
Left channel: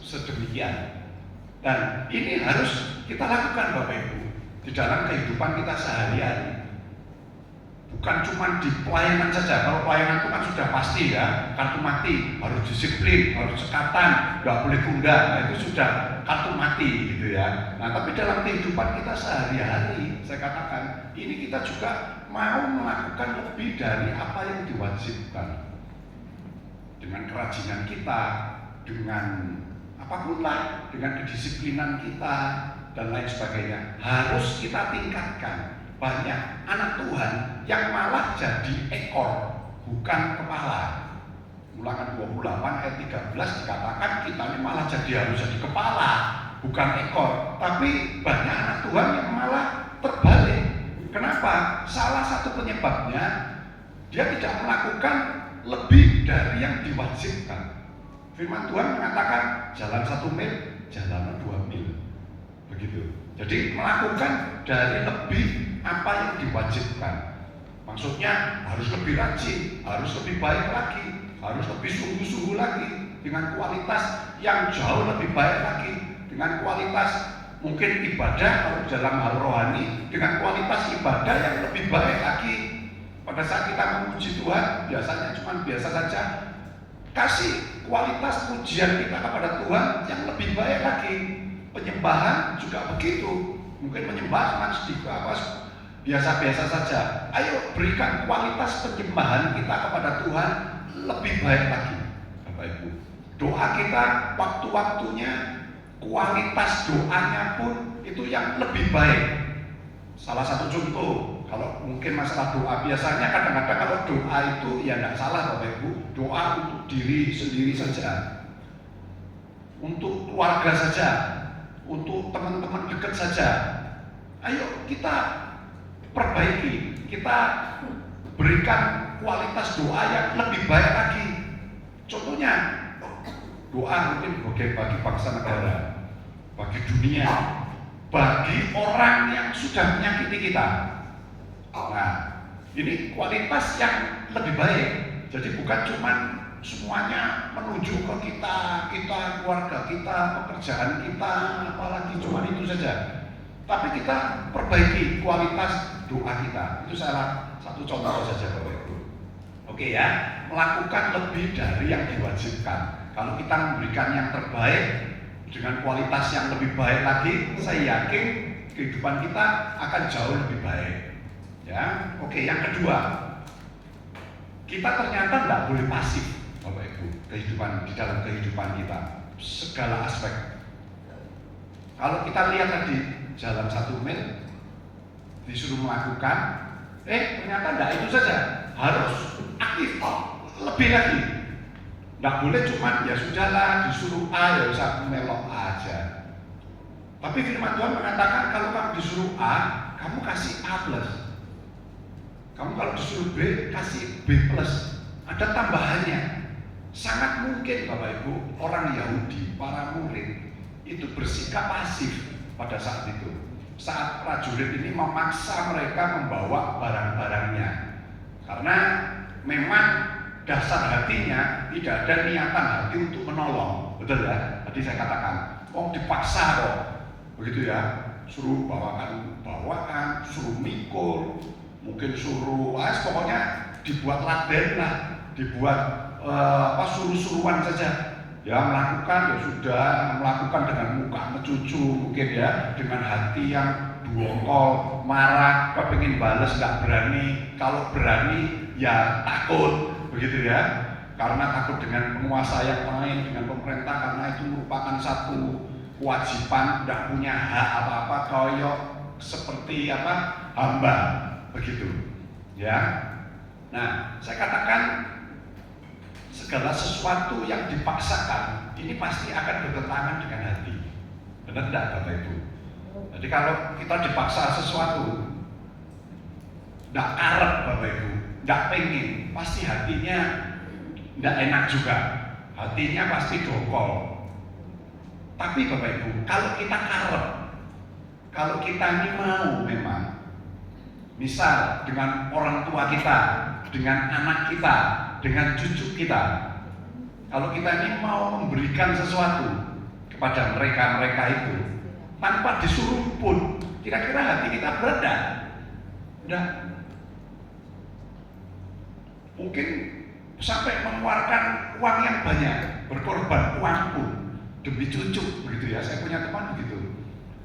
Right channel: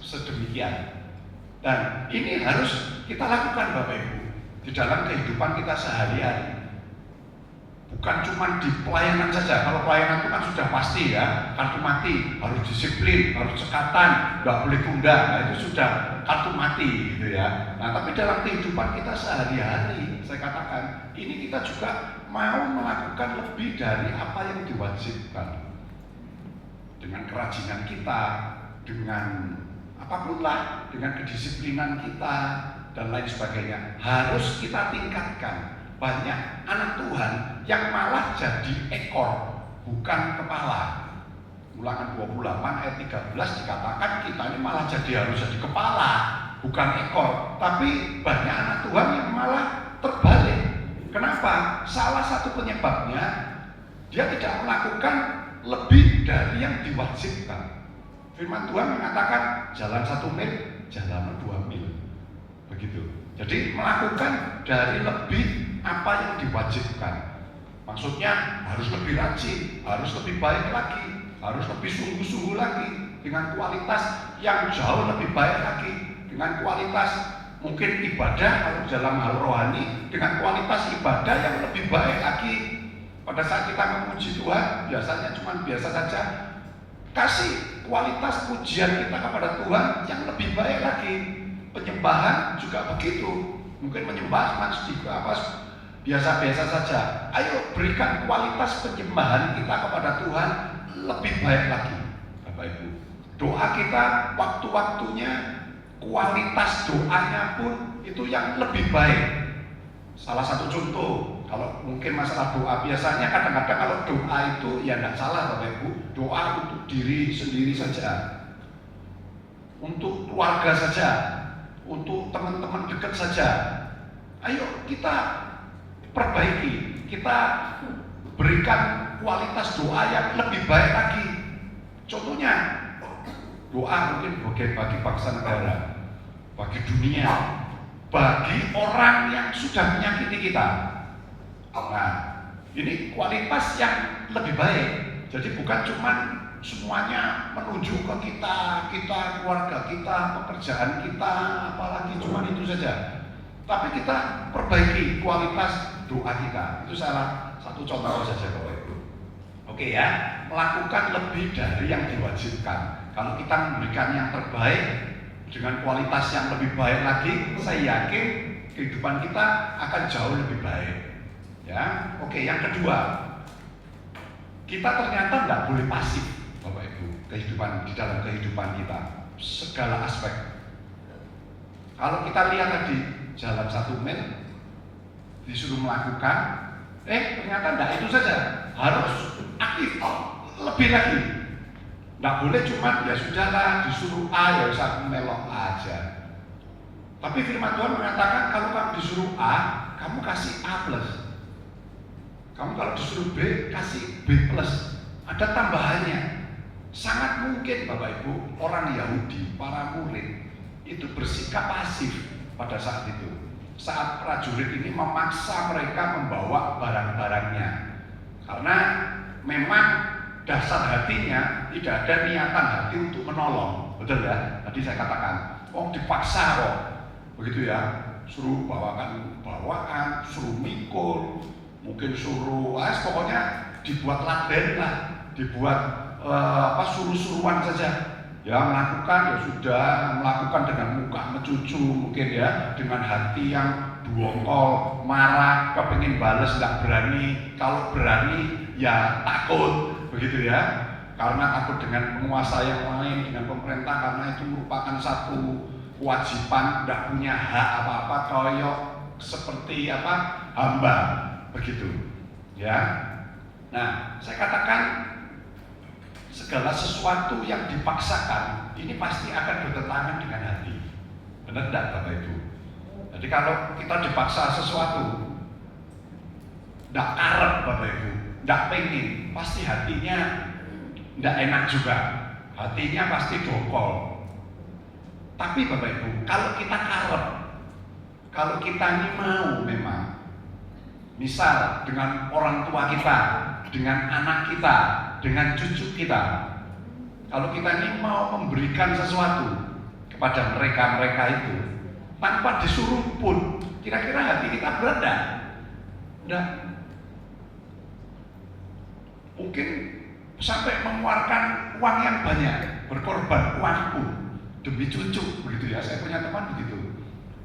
sedemikian. Dan ini harus kita lakukan Bapak Ibu di dalam kehidupan kita sehari-hari. Bukan cuma di pelayanan saja. Kalau pelayanan itu kan sudah pasti ya, kartu mati, harus disiplin, harus cekatan, nggak boleh tunda. Nah itu sudah kartu mati gitu ya. Nah tapi dalam kehidupan kita sehari-hari, saya katakan ini kita juga mau melakukan lebih dari apa yang diwajibkan. Dengan kerajinan kita, dengan apapun lah, dengan kedisiplinan kita dan lain sebagainya, harus kita tingkatkan. Banyak anak Tuhan yang malah jadi ekor, bukan kepala. Ulangan 28 ayat 13 dikatakan kita ini malah harus jadi kepala, bukan ekor. Tapi banyak anak Tuhan yang malah terbalik. Kenapa? Salah satu penyebabnya dia tidak melakukan lebih dari yang diwajibkan. Firman Tuhan mengatakan jalan 1 mil, jalan 2 mil. Begitu. Jadi melakukan dari lebih apa yang diwajibkan. Maksudnya harus lebih rajin, harus lebih baik lagi, harus lebih sungguh-sungguh lagi, dengan kualitas yang jauh lebih baik lagi, dengan kualitas mungkin ibadah kalau dalam hal rohani, dengan kualitas ibadah yang lebih baik lagi. Pada saat kita memuji Tuhan, biasanya cuma biasa saja. Kasih kualitas pujian kita kepada Tuhan yang lebih baik lagi. Penyembahan juga begitu. Mungkin menyembah cuma sedikit biasa-biasa saja. Ayo berikan kualitas penyembahan kita kepada Tuhan lebih baik lagi, Bapak Ibu. Doa kita waktu-waktunya, kualitas doanya pun itu yang lebih baik. Salah satu contoh, kalau mungkin masalah doa, biasanya kadang-kadang kalau doa itu ya tidak salah Bapak Ibu, doa untuk diri sendiri saja, untuk keluarga saja, untuk teman-teman dekat saja. Ayo kita perbaiki, kita berikan kualitas doa yang lebih baik lagi. Contohnya, doa mungkin bagi bangsa negara, bagi dunia, bagi orang yang sudah menyakiti kita. Nah, ini kualitas yang lebih baik. Jadi bukan cuma semuanya menuju ke kita, keluarga kita, pekerjaan kita, apalagi cuma itu saja. Tapi kita perbaiki kualitas doa kita. Itu salah satu contoh saja Bapak Ibu. Oke ya, melakukan lebih dari yang diwajibkan. Kalau kita memberikan yang terbaik dengan kualitas yang lebih baik lagi, saya yakin kehidupan kita akan jauh lebih baik. Ya, oke. Yang kedua, kita ternyata nggak boleh pasif, Bapak Ibu, di dalam kehidupan kita, segala aspek. Kalau kita lihat tadi jalan 1 mil, disuruh melakukan, ternyata enggak itu saja, harus aktif, lebih lagi. Enggak boleh cuma ya sudahlah disuruh A ya usah melok aja. Tapi firman Tuhan mengatakan kalau kamu disuruh A, kamu kasih A plus. Kamu kalau disuruh B, kasih B plus. Ada tambahannya. Sangat mungkin Bapak Ibu, orang Yahudi, para murid itu bersikap pasif pada saat itu. Saat prajurit ini memaksa mereka membawa barang-barangnya, karena memang dasar hatinya tidak ada niatan hati untuk menolong, betul ya? Tadi saya katakan, dipaksa kok, begitu ya? Suruh bawaan, suruh mikul, mungkin suruh, pokoknya dibuat laden lah, dibuat suruh-suruhan saja. Ya melakukan ya sudah, melakukan dengan muka mencucu mungkin ya, dengan hati yang dongkol, marah, kepingin bales nggak berani, kalau berani ya takut, begitu ya, karena takut dengan penguasa yang lain, dengan pemerintah, karena itu merupakan satu kewajiban, nggak punya hak apa-apa, koyok seperti hamba, begitu ya. Nah, saya katakan segala sesuatu yang dipaksakan ini pasti akan bertentangan dengan hati. Benar tidak Bapak Ibu? Jadi kalau kita dipaksa sesuatu, tidak karep Bapak Ibu, tidak pengen, pasti hatinya tidak enak juga. Hatinya pasti dongkol. Tapi Bapak Ibu, kalau kita karep, kalau kita ini mau memang, misal dengan orang tua kita dengan anak kita, dengan cucu kita. Kalau kita ini mau memberikan sesuatu kepada mereka-mereka itu tanpa disuruh pun, kira-kira hati kita berat enggak? Enggak. Mungkin sampai mengeluarkan uang yang banyak, berkorban uang pun demi cucu, begitu ya. Saya punya teman begitu,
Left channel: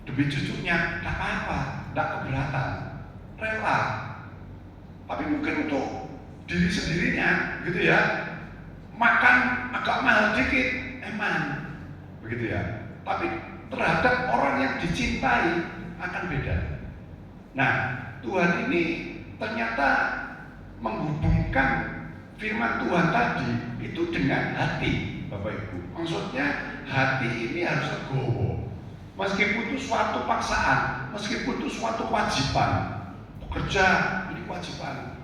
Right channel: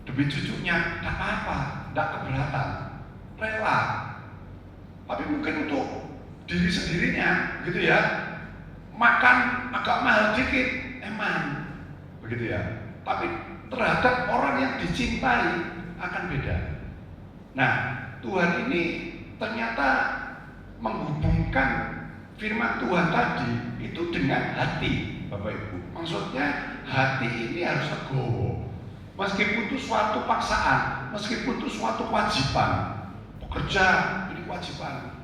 demi cucunya enggak apa-apa, enggak keberatan, rela. Tapi mungkin untuk diri sendirinya, gitu ya, makan agak mahal dikit, emang, begitu ya. Tapi terhadap orang yang dicintai akan beda. Nah, Tuhan ini ternyata menghubungkan firman Tuhan tadi itu dengan hati, Bapak Ibu. Maksudnya hati ini harus legowo. Meskipun itu suatu paksaan, meskipun itu suatu kewajiban, bekerja ini kewajiban.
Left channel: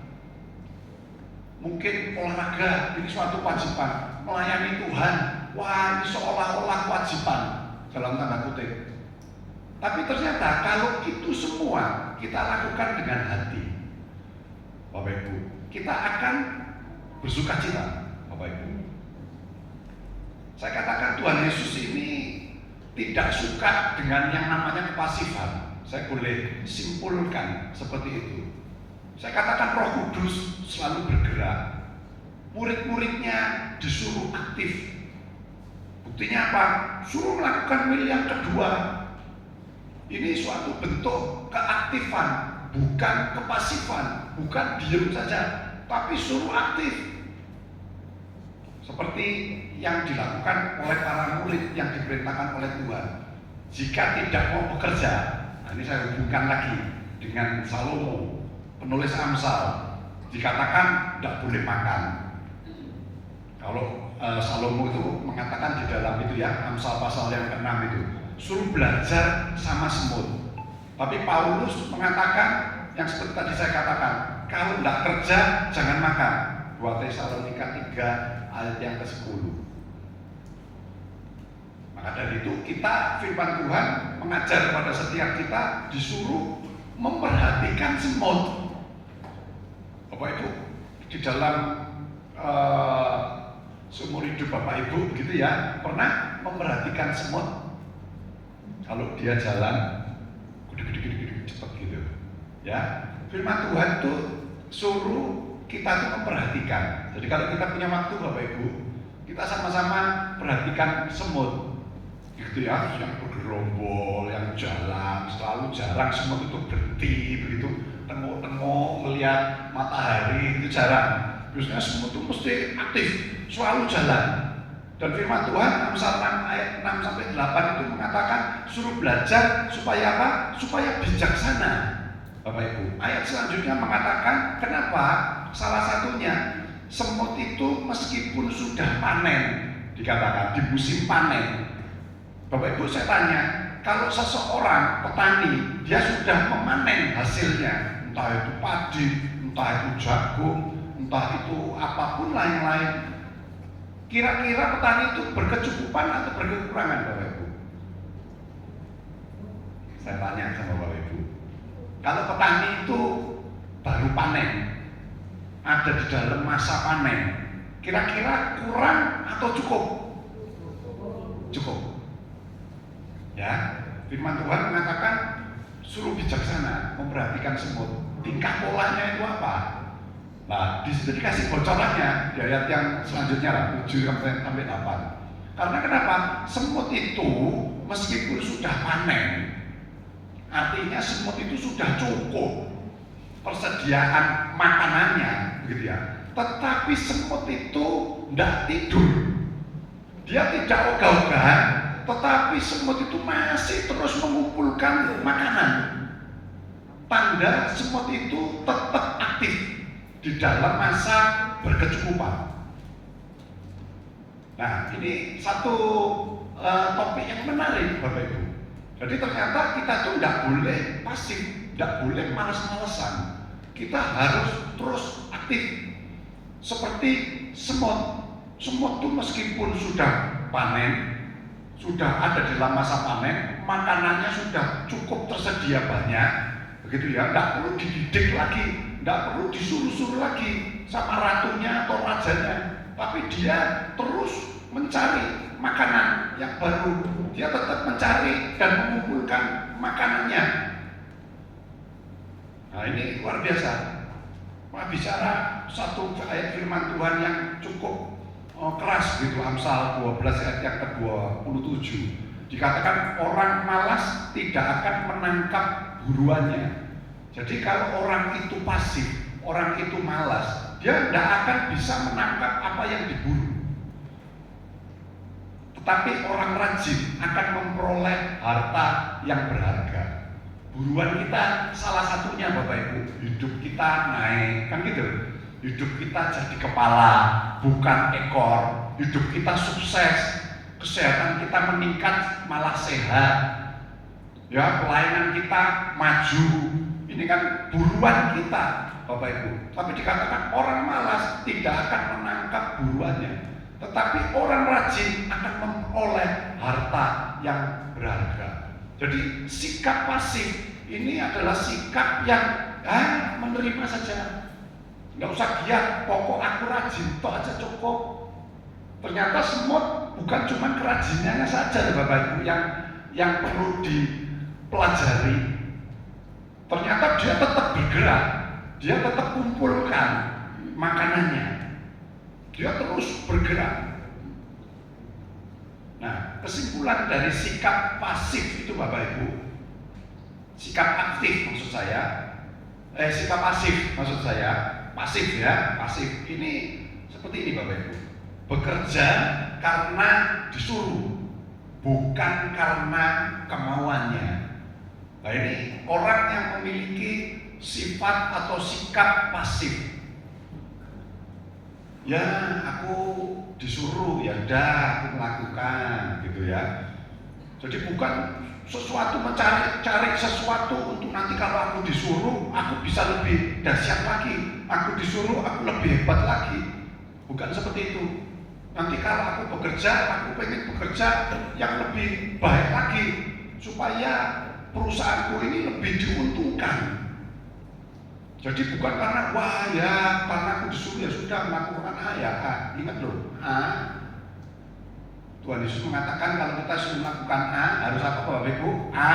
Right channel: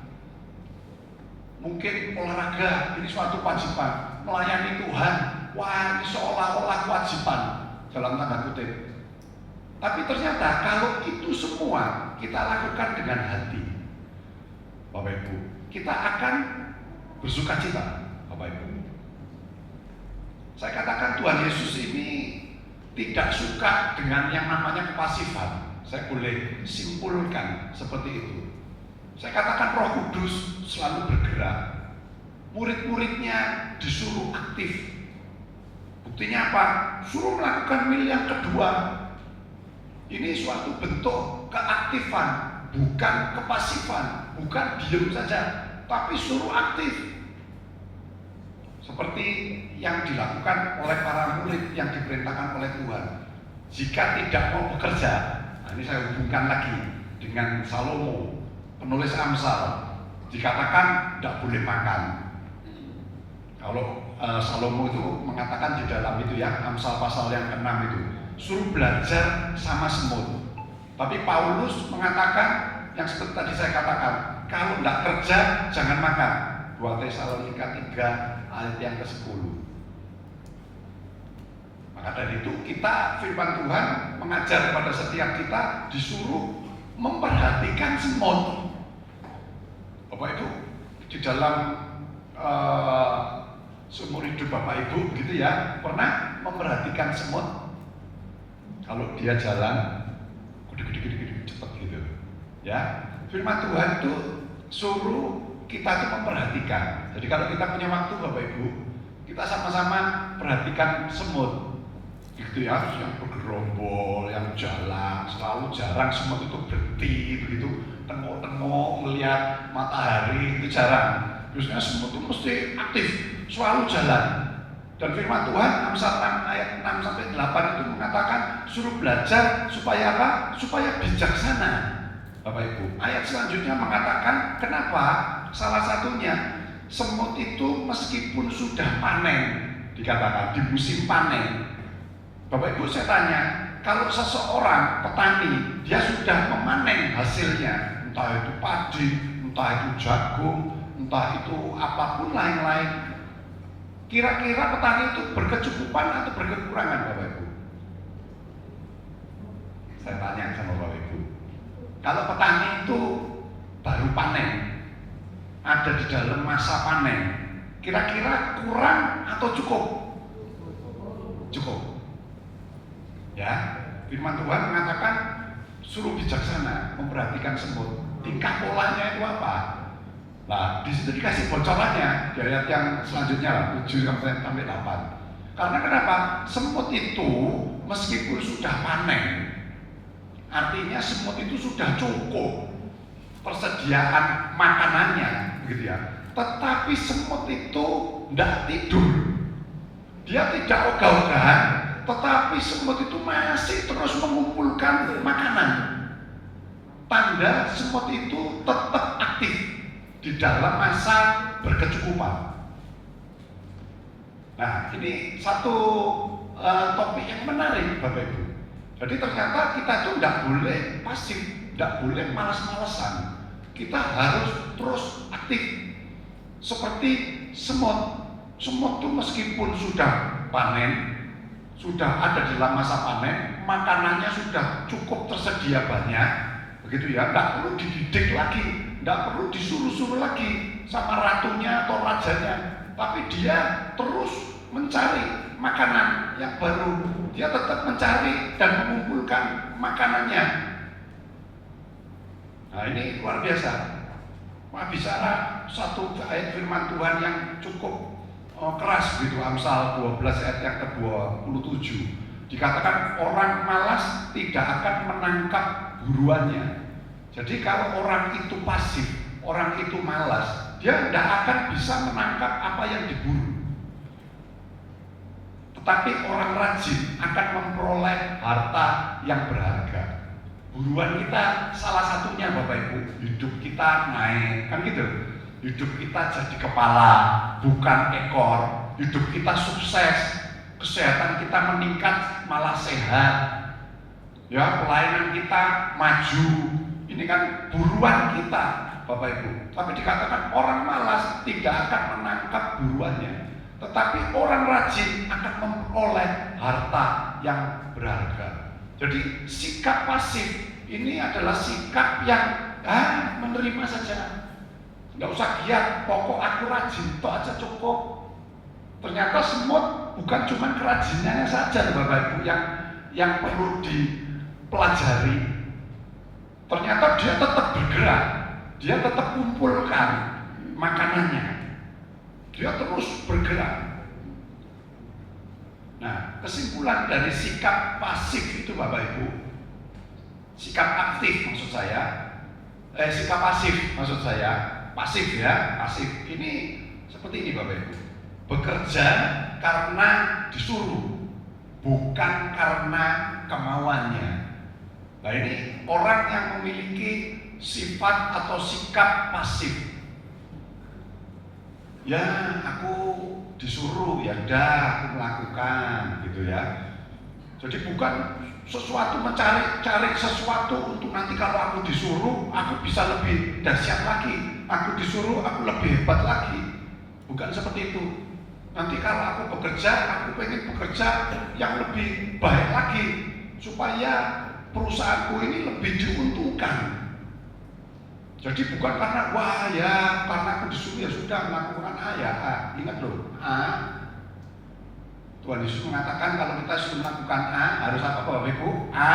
Mungkin olahraga ini suatu kewajiban, melayani Tuhan, wah ini seolah-olah kewajiban dalam tanda kutip. Tapi ternyata kalau itu semua kita lakukan dengan hati, Bapak Ibu, kita akan bersuka cita, Bapak Ibu. Saya katakan Tuhan Yesus ini tidak suka dengan yang namanya kepasifan. Saya boleh simpulkan seperti itu. Saya katakan Roh Kudus selalu bergerak. Murid-muridnya disuruh aktif. Buktinya apa? Suruh melakukan mil yang kedua. Ini suatu bentuk keaktifan, bukan kepasifan, bukan diam saja, tapi suruh aktif. Seperti yang dilakukan oleh para murid yang diperintahkan oleh Tuhan. Jika tidak mau bekerja, nah ini saya hubungkan lagi dengan Salomo, penulis Amsal, dikatakan tidak boleh makan. Kalau Salomo itu mengatakan di dalam itu ya, Amsal pasal yang ke-6 itu, suruh belajar sama semut. Tapi Paulus mengatakan yang seperti tadi saya katakan, kalau tidak kerja jangan makan. 2 Tesalonika 3 ayat yang ke-10. Maka dari itu kita firman Tuhan mengajar kepada setiap kita disuruh memperhatikan semut. Bapak Ibu, di dalam seumur hidup Bapak Ibu gitu ya, pernah memperhatikan semut? Kalau dia jalan gede-gede cepat gitu ya, firman Tuhan itu suruh kita tuh memperhatikan. Jadi kalau kita punya waktu Bapak Ibu, kita sama-sama perhatikan semut gitu ya, yang bergerombol, yang jalan, selalu jarang semut itu berhenti begitu, tengok-tengok melihat matahari, itu jarang. Biasanya semut itu mesti aktif, selalu jalan. Dan firman Tuhan Amsal 6 ayat 6 sampai 8 itu mengatakan suruh belajar supaya apa? Supaya bijaksana, Bapak Ibu. Ayat selanjutnya mengatakan kenapa? Salah satunya semut itu meskipun sudah panen, dikatakan di musim panen. Bapak Ibu saya tanya, kalau seseorang petani dia sudah memanen hasilnya, entah itu padi, entah itu jagung, entah itu apapun lain-lain, kira-kira petani itu berkecukupan atau berkekurangan, Bapak Ibu? Saya tanya sama Bapak Ibu. Kalau petani itu baru panen, ada di dalam masa panen, kira-kira kurang atau cukup? Cukup. Ya, firman Tuhan mengatakan suruh bijaksana, memperhatikan semut. Tingkah polanya itu apa? Nah, di situ dikasih bocorannya di ayat yang selanjutnya 7 sampai 8. Karena kenapa? Semut itu meskipun sudah panen, artinya semut itu sudah cukup persediaan makanannya, gitu ya. Tetapi semut itu tidak tidur, dia tidak ogah-ogahan, tetapi semut itu masih terus mengumpulkan makanan. Tanda semut itu tetap aktif di dalam masa berkecukupan. Nah, ini satu topik yang menarik, Bapak Ibu. Jadi ternyata kita tuh tidak boleh pasif, tidak boleh malas-malasan. Kita harus terus aktif. Seperti semut. Semut itu meskipun sudah panen, sudah ada di dalam masa panen, makanannya sudah cukup tersedia banyak, begitu ya, tidak perlu dididik lagi, tidak perlu disuruh-suruh lagi. sama ratunya atau rajanya, tapi dia terus mencari makanan yang baru. Dia tetap mencari dan mengumpulkan makanannya. Nah, ini luar biasa. Bicara satu ayat firman Tuhan yang cukup keras gitu, Amsal 12 ayat yang ke-27. Dikatakan orang malas tidak akan menangkap buruannya. Jadi kalau orang itu pasif, orang itu malas, dia tidak akan bisa menangkap apa yang diburu. Tetapi orang rajin akan memperoleh harta yang berharga. Buruan kita salah satunya Bapak Ibu, hidup kita naik, kan gitu. Hidup kita jadi kepala, bukan ekor. Hidup kita sukses, kesehatan kita meningkat, malah sehat. Ya, pelayanan kita maju. Ini kan buruan kita, Bapak Ibu. Tapi dikatakan orang malas tidak akan menangkap buruannya. Tetapi orang rajin akan memperoleh harta yang berharga. Jadi sikap pasif ini adalah sikap yang menerima saja. Nggak usah giat, pokok aku rajin, toh aja cukup. Ternyata semut bukan cuma kerajinannya saja Bapak Ibu yang perlu dipelajari. Ternyata dia tetap bergerak, dia tetap kumpulkan makanannya. Dia terus bergerak. Nah, kesimpulan dari sikap pasif itu Bapak Ibu, sikap aktif maksud saya, sikap pasif maksud saya, pasif ya, pasif ini seperti ini Bapak Ibu, bekerja karena disuruh, bukan karena kemauannya. Nah ini orang yang memiliki sifat atau sikap pasif. Ya aku disuruh, ya udah aku melakukan gitu ya. Jadi bukan sesuatu mencari sesuatu untuk nanti kalau aku disuruh aku bisa lebih dahsyat lagi, aku disuruh aku lebih hebat lagi. Bukan seperti itu. Nanti kalau aku bekerja, aku pengen bekerja yang lebih baik lagi supaya perusahaanku ini lebih diuntungkan. Jadi bukan karena wah ya karena aku disuruh ya sudah melakukan A ya A. Ingat loh, A. Tuhan Yesus mengatakan kalau kita suruh melakukan A harus apa Bapak Ibu? A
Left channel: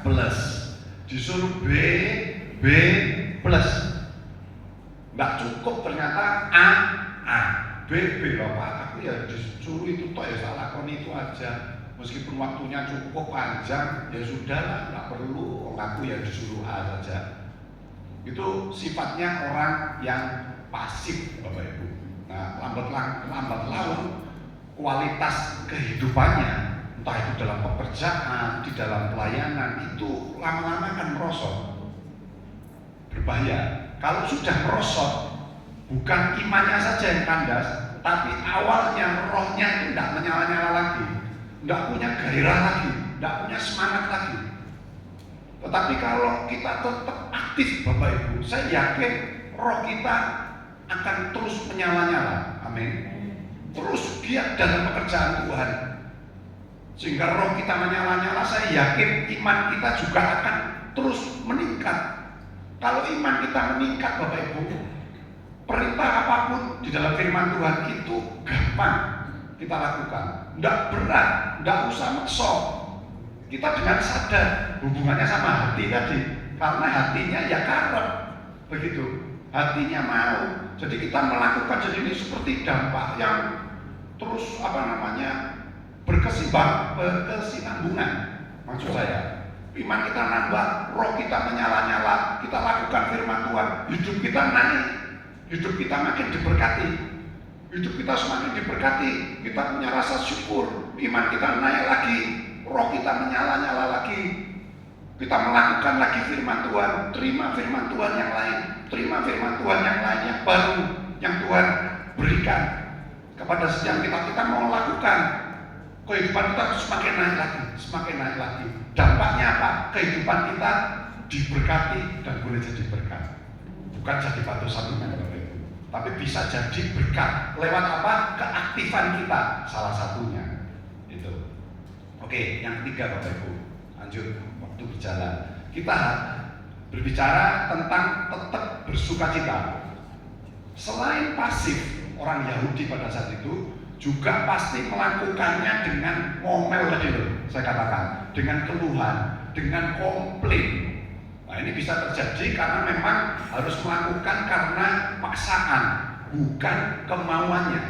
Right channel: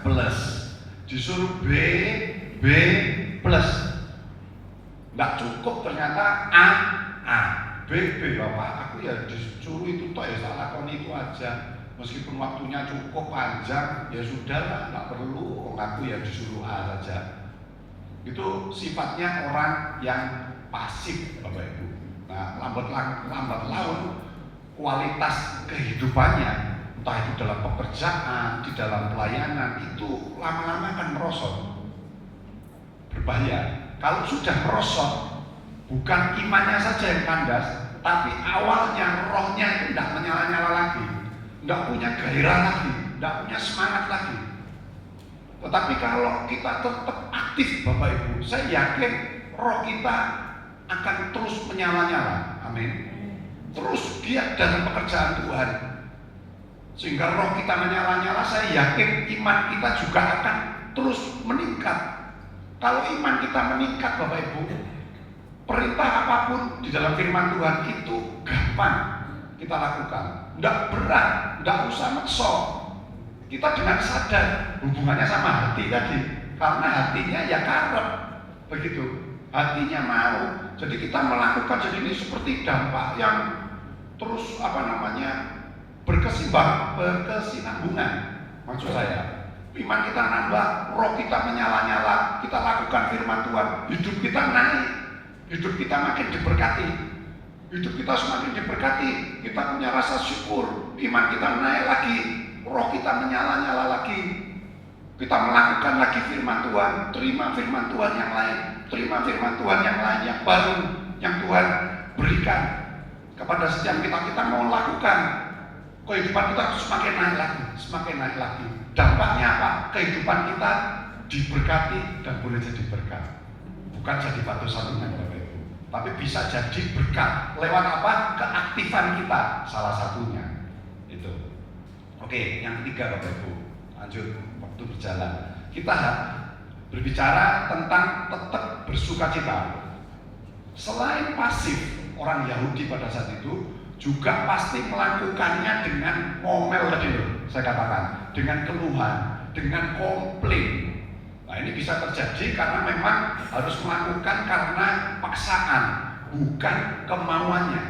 plus. Disuruh B, B plus. Nggak cukup ternyata A, B, Bapak aku ya disuruh itu toh ya salah kon itu aja. Meskipun waktunya cukup panjang ya sudah nggak perlu aku ya disuruh A saja. Itu sifatnya orang yang pasif Bapak Ibu. Nah, lambat laun kualitas kehidupannya, entah itu dalam pekerjaan, di dalam pelayanan, itu lama-lama akan merosot. Berbahaya. Kalau sudah merosot, bukan imannya saja yang kandas, tapi awalnya rohnya itu tidak menyala-nyala lagi, tidak punya gairah lagi, tidak punya semangat lagi. Tetapi kalau kita tetap aktif Bapak Ibu, saya yakin roh kita akan terus menyala-nyala. Amin. Terus giat dalam pekerjaan Tuhan. Sehingga roh kita menyala-nyala, saya yakin iman kita juga akan terus meningkat. Kalau iman kita meningkat Bapak Ibu, perintah apapun di dalam firman Tuhan itu gampang kita lakukan. Tidak berat, tidak usah maksa. Kita dengan sadar hubungannya sama hati tadi, karena hatinya ya karep, begitu. Hatinya mau, jadi kita melakukan. Jadi ini seperti dampak yang terus berkesinambungan. Maksud saya, iman kita nambah, roh kita menyala-nyala, kita lakukan firman Tuhan, hidup kita naik, hidup kita makin diberkati, hidup kita semakin diberkati, kita punya rasa syukur, iman kita naik lagi. Roh kita menyala-nyala lagi. Kita melakukan lagi firman Tuhan, terima firman Tuhan yang lain, terima firman Tuhan yang lain yang baru yang Tuhan berikan kepada setiap kita. Kita mau lakukan, kehidupan kita semakin naik lagi, semakin naik lagi. Dampaknya apa? Kehidupan kita diberkati dan boleh jadi berkat. Bukan jadi batu sandungan Bapak Ibu, tapi bisa jadi berkat lewat apa? Keaktifan kita, salah satunya. Itu. Oke, yang ketiga Bapak Ibu, lanjut waktu berjalan. Kita berbicara tentang tetap bersukacita. Selain pasif, orang Yahudi pada saat itu juga pasti melakukannya dengan ngomel tadi loh, saya katakan, dengan keluhan, dengan komplain. Nah ini bisa terjadi karena memang harus melakukan karena paksaan, bukan kemauannya.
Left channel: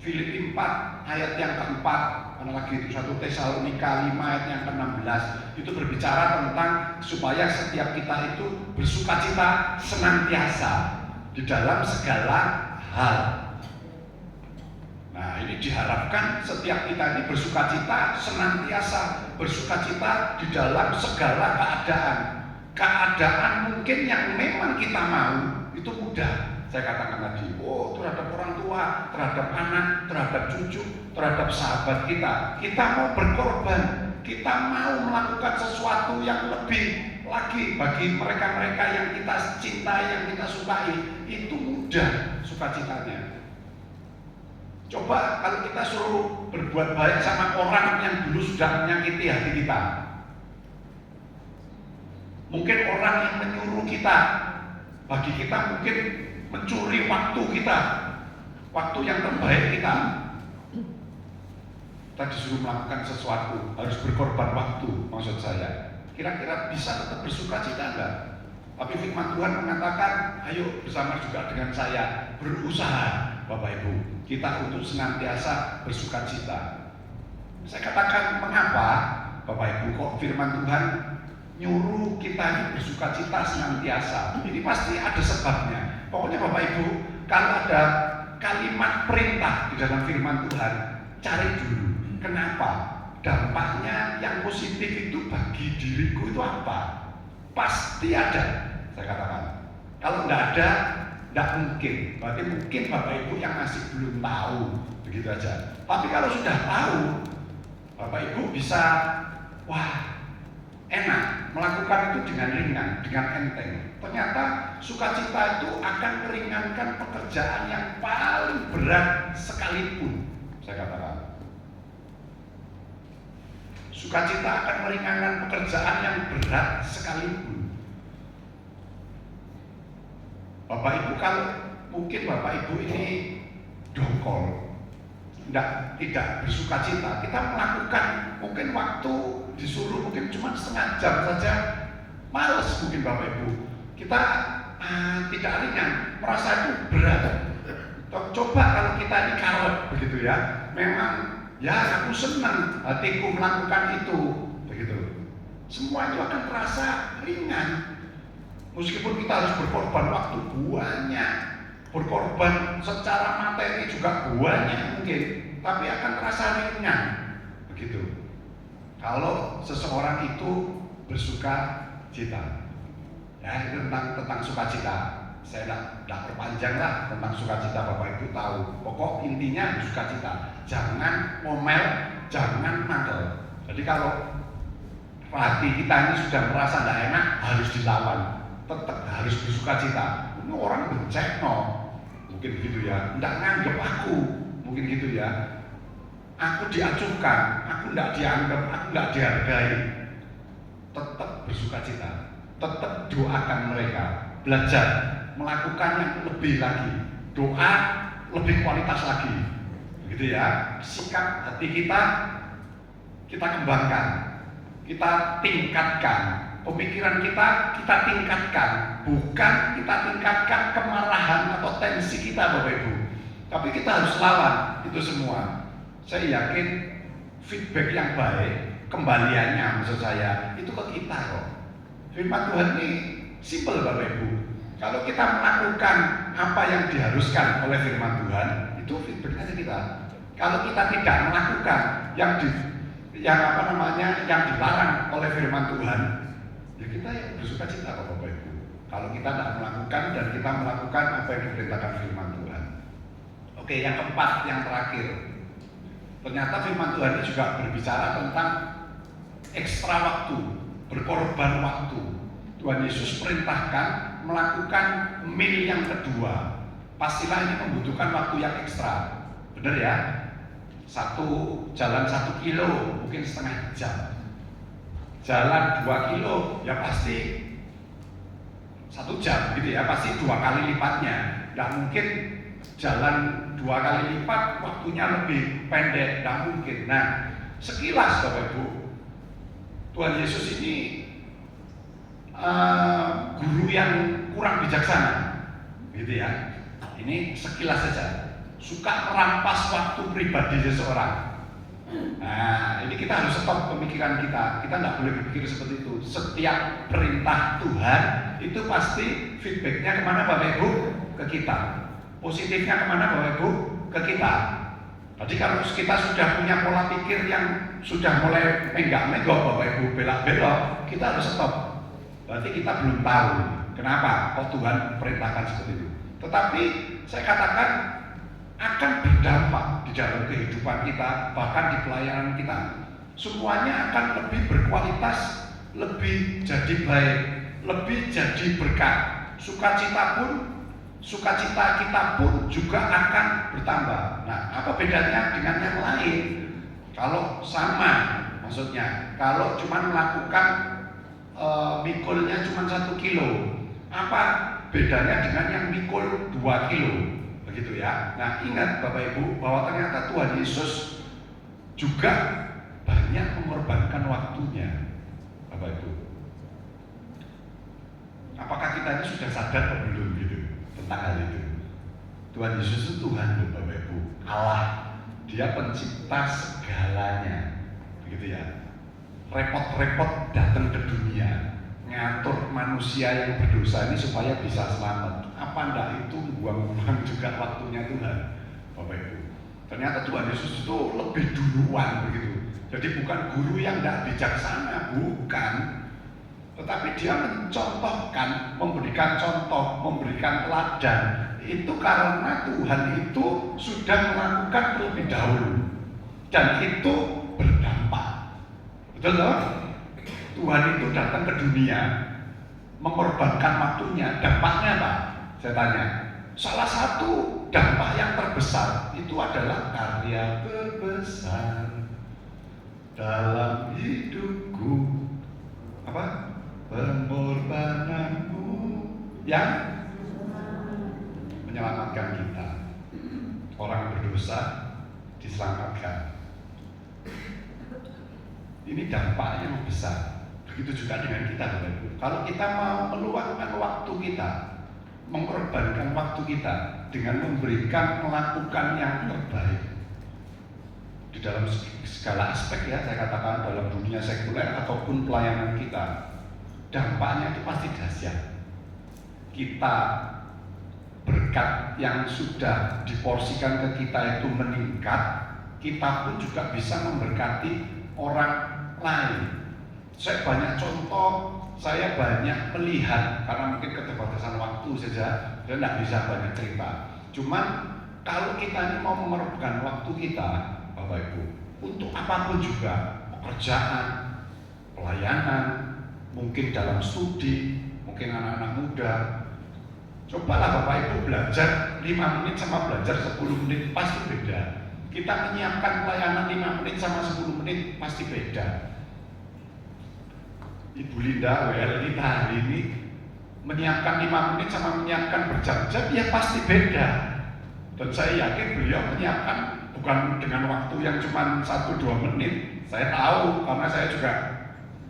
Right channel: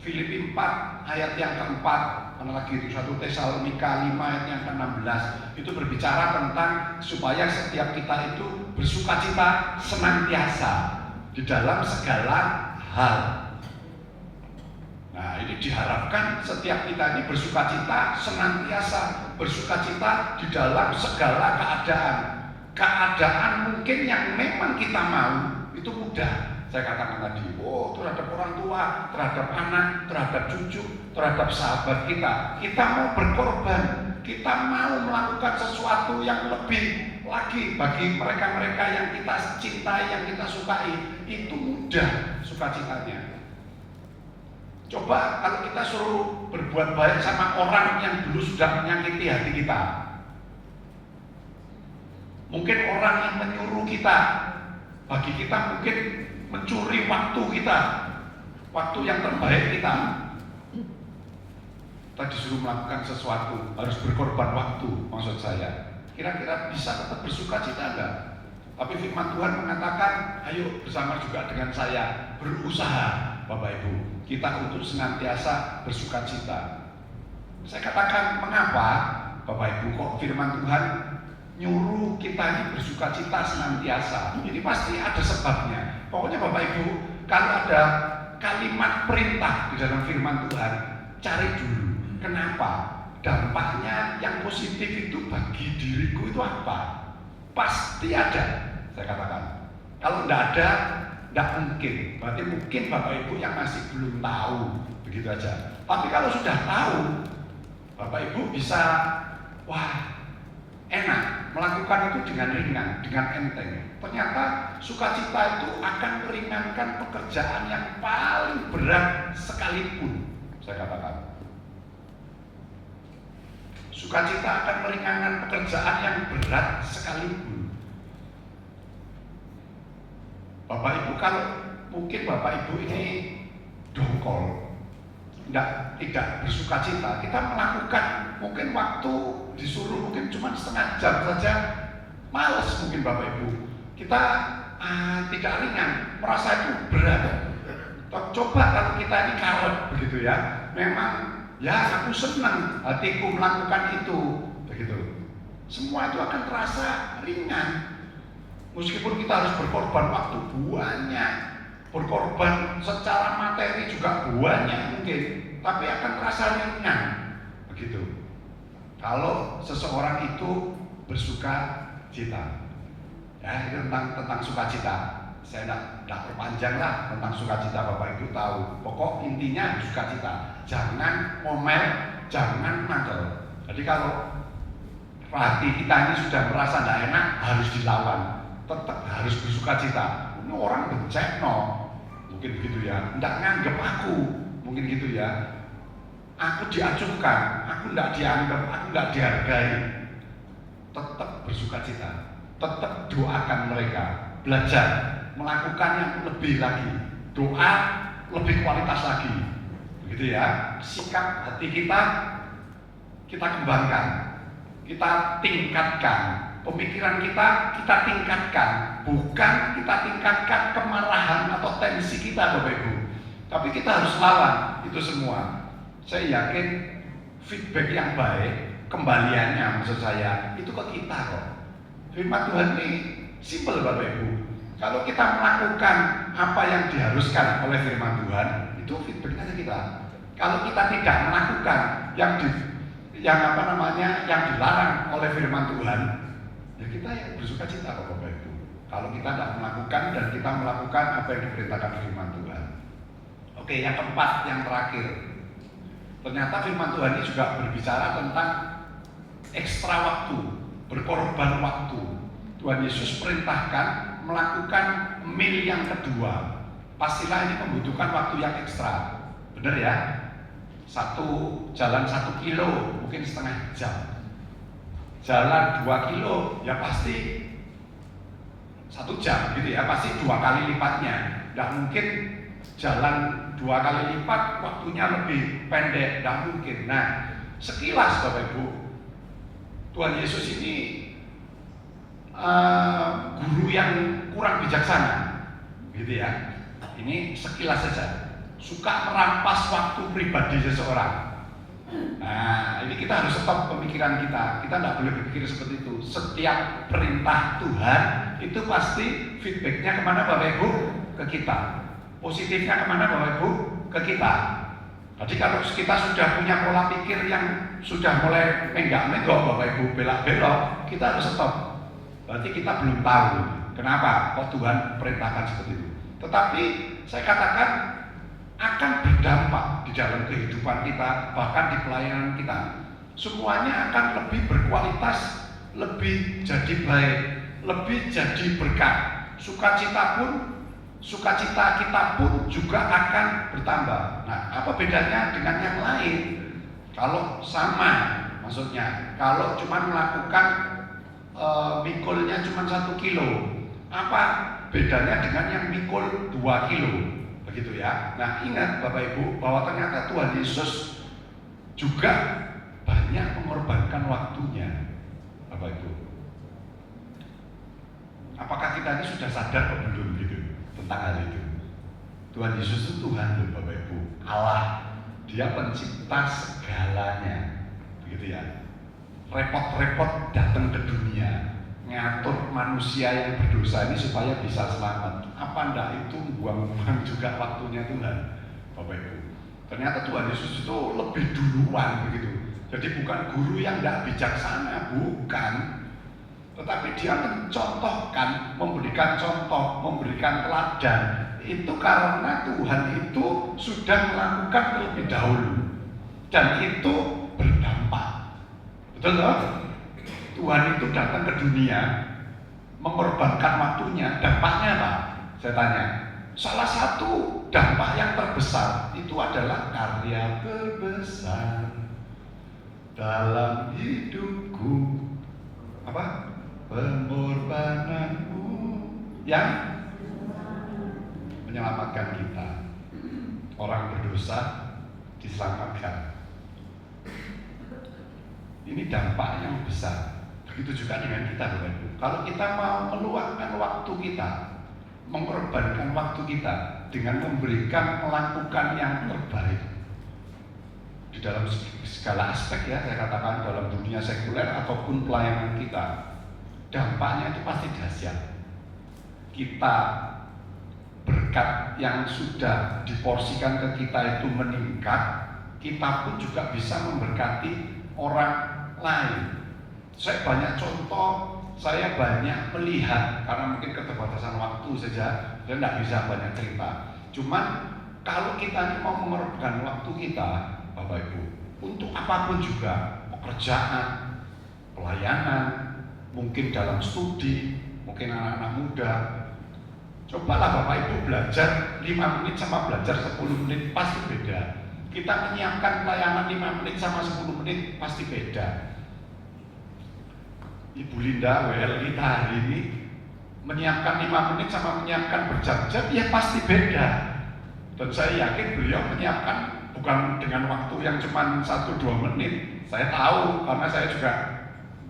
Filipi 4 ayat yang keempat, mana lagi itu 1 Tesalonika 5 ayat yang ke-16 itu berbicara tentang supaya setiap kita itu bersukacita senantiasa di dalam segala hal. Nah ini diharapkan setiap kita ini bersukacita senantiasa, bersukacita di dalam segala keadaan. Keadaan mungkin yang memang kita mau itu mudah. Saya katakan tadi, terhadap orang tua, terhadap anak, terhadap cucu, terhadap sahabat kita mau berkorban, kita mau melakukan sesuatu yang lebih lagi bagi mereka-mereka yang kita cintai, yang kita sukai, itu mudah sukacitanya. Coba kalau kita suruh berbuat baik sama orang yang dulu sudah menyakiti hati kita, mungkin orang yang menyuruh kita, bagi kita mungkin mencuri waktu kita, waktu yang terbaik kita disuruh melakukan sesuatu, harus berkorban waktu, maksud saya. Kira-kira bisa tetap bersukacita enggak? Tapi firman Tuhan mengatakan, ayo bersama juga dengan saya berusaha, Bapak Ibu, kita untuk senantiasa bersukacita. Saya katakan mengapa, Bapak Ibu, kok firman Tuhan nyuruh kita ini bersukacita senantiasa? Ini pasti ada sebabnya. Pokoknya Bapak Ibu, kalau ada kalimat perintah di dalam firman Tuhan, cari dulu. Kenapa? Dampaknya yang positif itu bagi diriku itu apa? Pasti ada, saya katakan. Kalau tidak ada, tidak mungkin. Berarti mungkin Bapak Ibu yang masih belum tahu, begitu aja. Tapi kalau sudah tahu, Bapak Ibu bisa, enak melakukan itu dengan ringan, dengan enteng. Ternyata sukacita itu akan meringankan pekerjaan yang paling berat sekalipun, saya katakan. Sukacita akan meringankan pekerjaan yang berat sekalipun. Bapak Ibu, kalau mungkin Bapak Ibu ini dongkol, tidak bersukacita, kita melakukan mungkin waktu disuruh mungkin cuma setengah jam saja, males mungkin Bapak Ibu. Kita tidak ringan, merasa itu berat. Coba kalau kita ini karot begitu ya, memang ya aku senang hatiku melakukan itu, begitu. Semua itu akan terasa ringan. Meskipun kita harus berkorban waktu banyak, berkorban secara materi juga banyak mungkin, tapi akan terasa ringan, begitu. Kalau seseorang itu bersuka cita, ya itu tentang sukacita. Saya tidak perpanjang lah tentang sukacita, Bapak Ibu tahu. Pokok intinya sukacita. Jangan ngomel, jangan nakal. Jadi kalau hati kita ini sudah merasa tidak enak, harus dilawan. Tetap harus bersukacita. Ini orang bencek mungkin begitu ya. Tidak nganggap aku, mungkin gitu ya. Aku diacuhkan, aku tidak dianggap, aku tidak dihargai. Tetap bersukacita. Tetap doakan mereka. Belajar melakukan yang lebih lagi, doa lebih kualitas lagi, begitu ya. Sikap hati kita kembangkan, kita tingkatkan, pemikiran kita tingkatkan, bukan kita tingkatkan kemarahan atau tensi kita, Bapak Ibu. Tapi kita harus lawan itu semua. Saya yakin feedback yang baik, kembaliannya maksud saya itu ke kita kok. Firman Tuhan ini simpel, Bapak Ibu. Kalau kita melakukan apa yang diharuskan oleh firman Tuhan, itu feedbacknya ke kita. Kalau kita tidak melakukan yang dilarang oleh firman Tuhan, ya kita yang bersukacita, Bapak Ibu. Kalau kita tidak melakukan dan kita melakukan apa yang diperintahkan firman Tuhan. Oke, yang keempat, yang terakhir. Ternyata firman Tuhan ini juga berbicara tentang ekstra waktu, berkorban waktu. Tuhan Yesus perintahkan melakukan mil yang kedua. Pastilah ini membutuhkan waktu yang ekstra. Benar ya? Jalan 1 kilo mungkin setengah jam. Jalan 2 kilo ya pasti 1 jam gitu ya, pasti 2 kali lipatnya. Nggak mungkin jalan 2 kali lipat waktunya lebih pendek, nggak mungkin. Nah, sekilas Bapak Ibu, Tuhan Yesus ini guru yang kurang bijaksana, gitu ya. Ini sekilas saja, suka merampas waktu pribadi seseorang. Nah, ini kita harus stop pemikiran kita. Kita nggak boleh berpikir seperti itu. Setiap perintah Tuhan itu pasti feedbacknya kemana Bapak Ibu? Ke kita. Positifnya kemana Bapak Ibu? Ke kita. Jadi kalau kita sudah punya pola pikir yang sudah mulai menggak-menggok Bapak Ibu, belak-belok, kita harus stop. Berarti kita belum tahu kenapa kok Tuhan perintahkan seperti itu. Tetapi saya katakan akan berdampak di dalam kehidupan kita, bahkan di pelayanan kita. Semuanya akan lebih berkualitas, lebih jadi baik, lebih jadi berkat. Sukacita kita pun juga akan bertambah. Nah, apa bedanya dengan yang lain? Kalau sama, maksudnya kalau cuma melakukan mikulnya cuma 1 kilo, apa bedanya dengan yang mikul 2 kilo? Begitu ya. Nah, ingat Bapak Ibu bahwa ternyata Tuhan Yesus juga banyak mengorbankan waktunya, Bapak Ibu. Apakah kita ini sudah sadar atau belum gitu tentang hal itu? Tuhan Yesus itu Tuhan loh Bapak Ibu, Allah. Dia pencipta segalanya, begitu ya. Repot-repot datang ke dunia, ngatur manusia yang berdosa ini supaya bisa selamat. Apa ndak itu buang-buang juga waktunya Tuhan, Bapak Ibu. Ternyata Tuhan Yesus itu lebih duluan begitu. Jadi bukan guru yang ndak bijaksana, bukan. Tetapi dia mencontohkan, memberikan contoh, memberikan teladan. Itu karena Tuhan itu sudah melakukan terlebih dahulu. Dan itu berdampak. Betul loh? Tuhan itu datang ke dunia, mengorbankan waktunya. Dampaknya apa? Saya tanya. Salah satu dampak yang terbesar itu adalah karya terbesar dalam hidupku. Apa? Pengorbananmu yang menyelamatkan kita. Orang berdosa diselamatkan. Ini dampak yang besar. Begitu juga dengan kita, Bapak Ibu. Kalau kita mau meluangkan waktu kita, mengorbankan waktu kita dengan melakukan yang terbaik di dalam segala aspek ya, saya katakan dalam dunia sekuler ataupun pelayanan kita, dampaknya itu pasti dahsyat. Kita berkat yang sudah diporsikan ke kita itu meningkat, kita pun juga bisa memberkati orang lain. Saya banyak contoh, saya banyak melihat karena mungkin keterbatasan waktu saja dan tidak bisa banyak cerita. Cuman kalau kita ini mau mengorbankan waktu kita, Bapak Ibu, untuk apapun juga, pekerjaan, pelayanan, mungkin dalam studi, mungkin anak-anak muda, cobalah Bapak Ibu belajar 5 menit sama belajar 10 menit pasti beda. Kita menyiapkan pelayanan 5 menit sama 10 menit pasti beda. Ibu Linda WL kita hari ini menyiapkan 5 menit sama menyiapkan berjam-jam ya pasti beda. Dan saya yakin beliau menyiapkan bukan dengan waktu yang cuma 1-2 menit. Saya tahu karena saya juga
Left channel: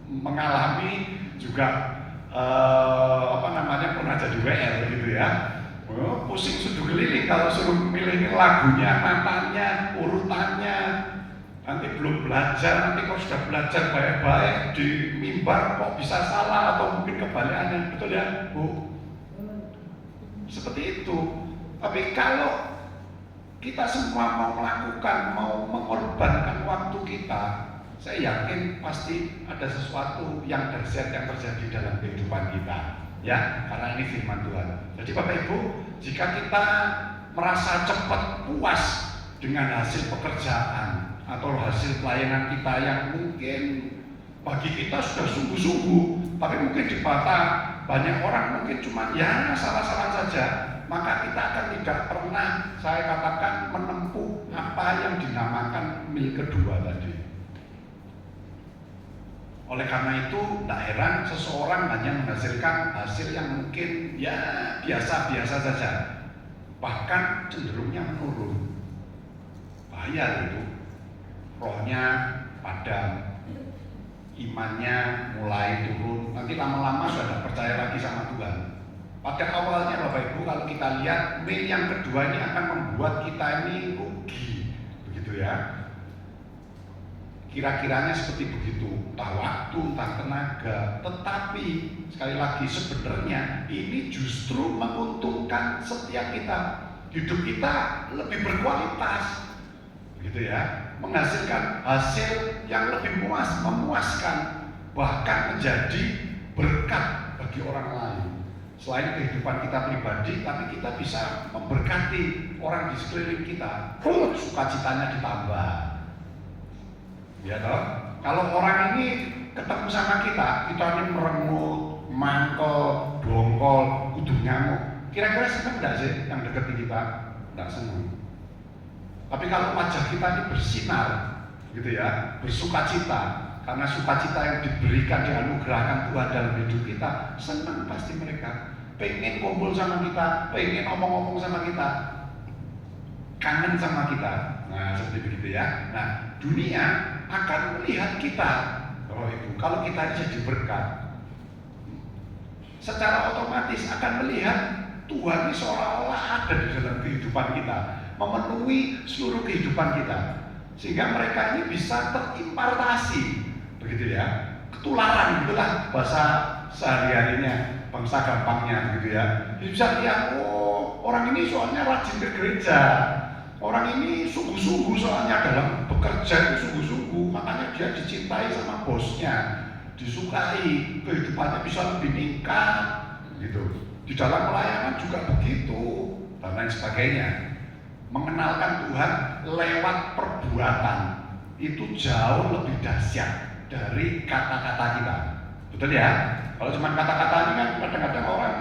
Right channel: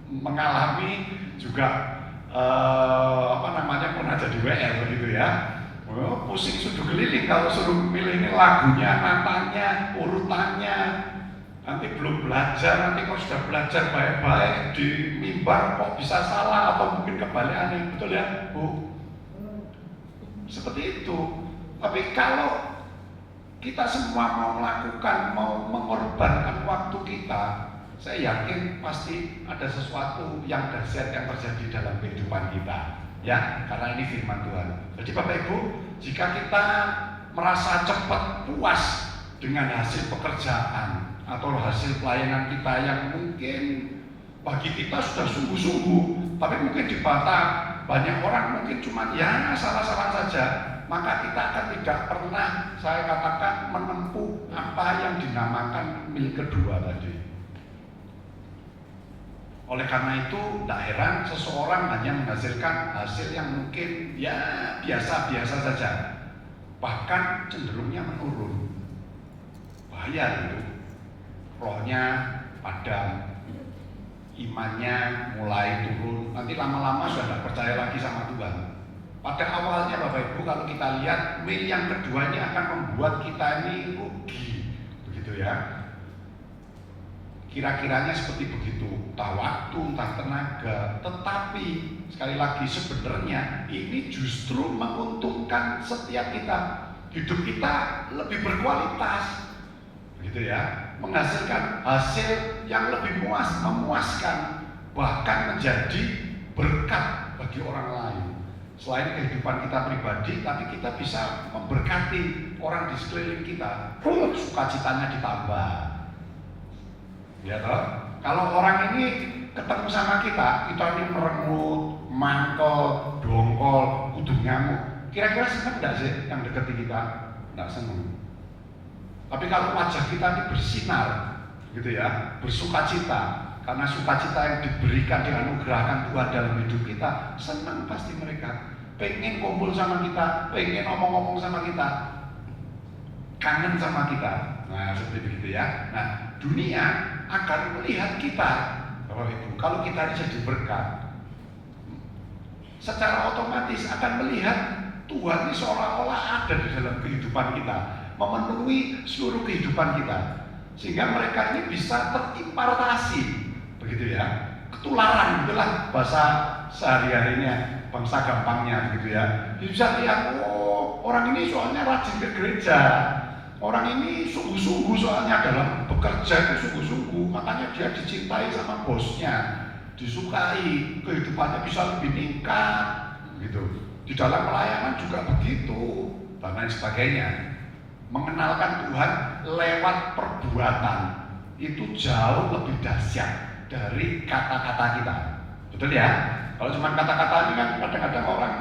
mengalami juga pernah jadi WL gitu ya. Pusing sudah keliling kalau suruh milih lagunya, natanya, urutannya. Nanti belum belajar, nanti kalau sudah belajar baik-baik di mimbar kok bisa salah atau mungkin kebalikannya, betul ya Bu? Seperti itu. Tapi kalau kita semua mau melakukan, mau mengorbankan waktu kita, saya yakin pasti ada sesuatu yang dahsyat yang terjadi dalam kehidupan kita. Ya, karena ini firman Tuhan. Jadi Bapak Ibu, jika kita merasa cepat puas dengan hasil pekerjaan atau hasil pelayanan kita yang mungkin bagi kita sudah sungguh-sungguh, tapi mungkin di mata banyak orang mungkin cuma ya salah-salah saja, maka kita akan tidak pernah, saya katakan, menempuh apa yang dinamakan mil kedua tadi. Oleh karena itu, tidak heran seseorang hanya menghasilkan hasil yang mungkin ya biasa-biasa saja. bahkan cenderungnya menurun. Bahaya itu, rohnya padam, imannya mulai turun, nanti lama-lama sudah tidak percaya lagi sama Tuhan. Pada awalnya Bapak Ibu, kalau kita lihat mil yang kedua ini akan membuat kita ini rugi, begitu ya. Kira-kiranya seperti begitu, entah waktu, entah tenaga. Tetapi sekali lagi sebenarnya ini justru menguntungkan setiap kita. Hidup kita lebih berkualitas, gitu ya, menghasilkan hasil yang lebih memuaskan, bahkan menjadi berkat bagi orang lain. Selain kehidupan kita pribadi, tapi kita bisa memberkati orang di sekeliling kita. Sukacitanya ditambah. Ya toh? Kalau orang ini ketemu sama kita ini merengut, mangkol, dongkol, kudu nyamuk. Kira-kira senang enggak sih yang dekati kita? Enggak senang. Tapi kalau wajah kita ini bersinar, gitu ya, bersukacita, karena sukacita yang diberikan, dianugerahkan Tuhan dalam hidup kita, senang pasti mereka. Pengen kumpul sama kita, pengen ngomong-ngomong sama kita, kangen sama kita. Nah, seperti begitu ya. Nah, dunia akan melihat kita, Bapak Ibu, kalau kita ini jadi berkat, secara otomatis akan melihat Tuhan ini seolah-olah ada di dalam kehidupan kita, memenuhi seluruh kehidupan kita, sehingga mereka ini bisa terimpartasi, begitu ya, ketularan, itulah bahasa sehari-harinya, bangsa gampangnya, gitu ya. Bisa lihat, oh orang ini soalnya rajin ke gereja, orang ini sungguh-sungguh soalnya dalam bekerja itu sungguh-sungguh, makanya dia dicintai sama bosnya, disukai, kehidupannya bisa lebih meningkat, gitu. Di dalam pelayanan juga begitu, dan lain sebagainya. Mengenalkan Tuhan lewat perbuatan itu jauh lebih dahsyat dari kata-kata kita, betul ya? Kalau cuma kata-kata ini kan kadang-kadang orang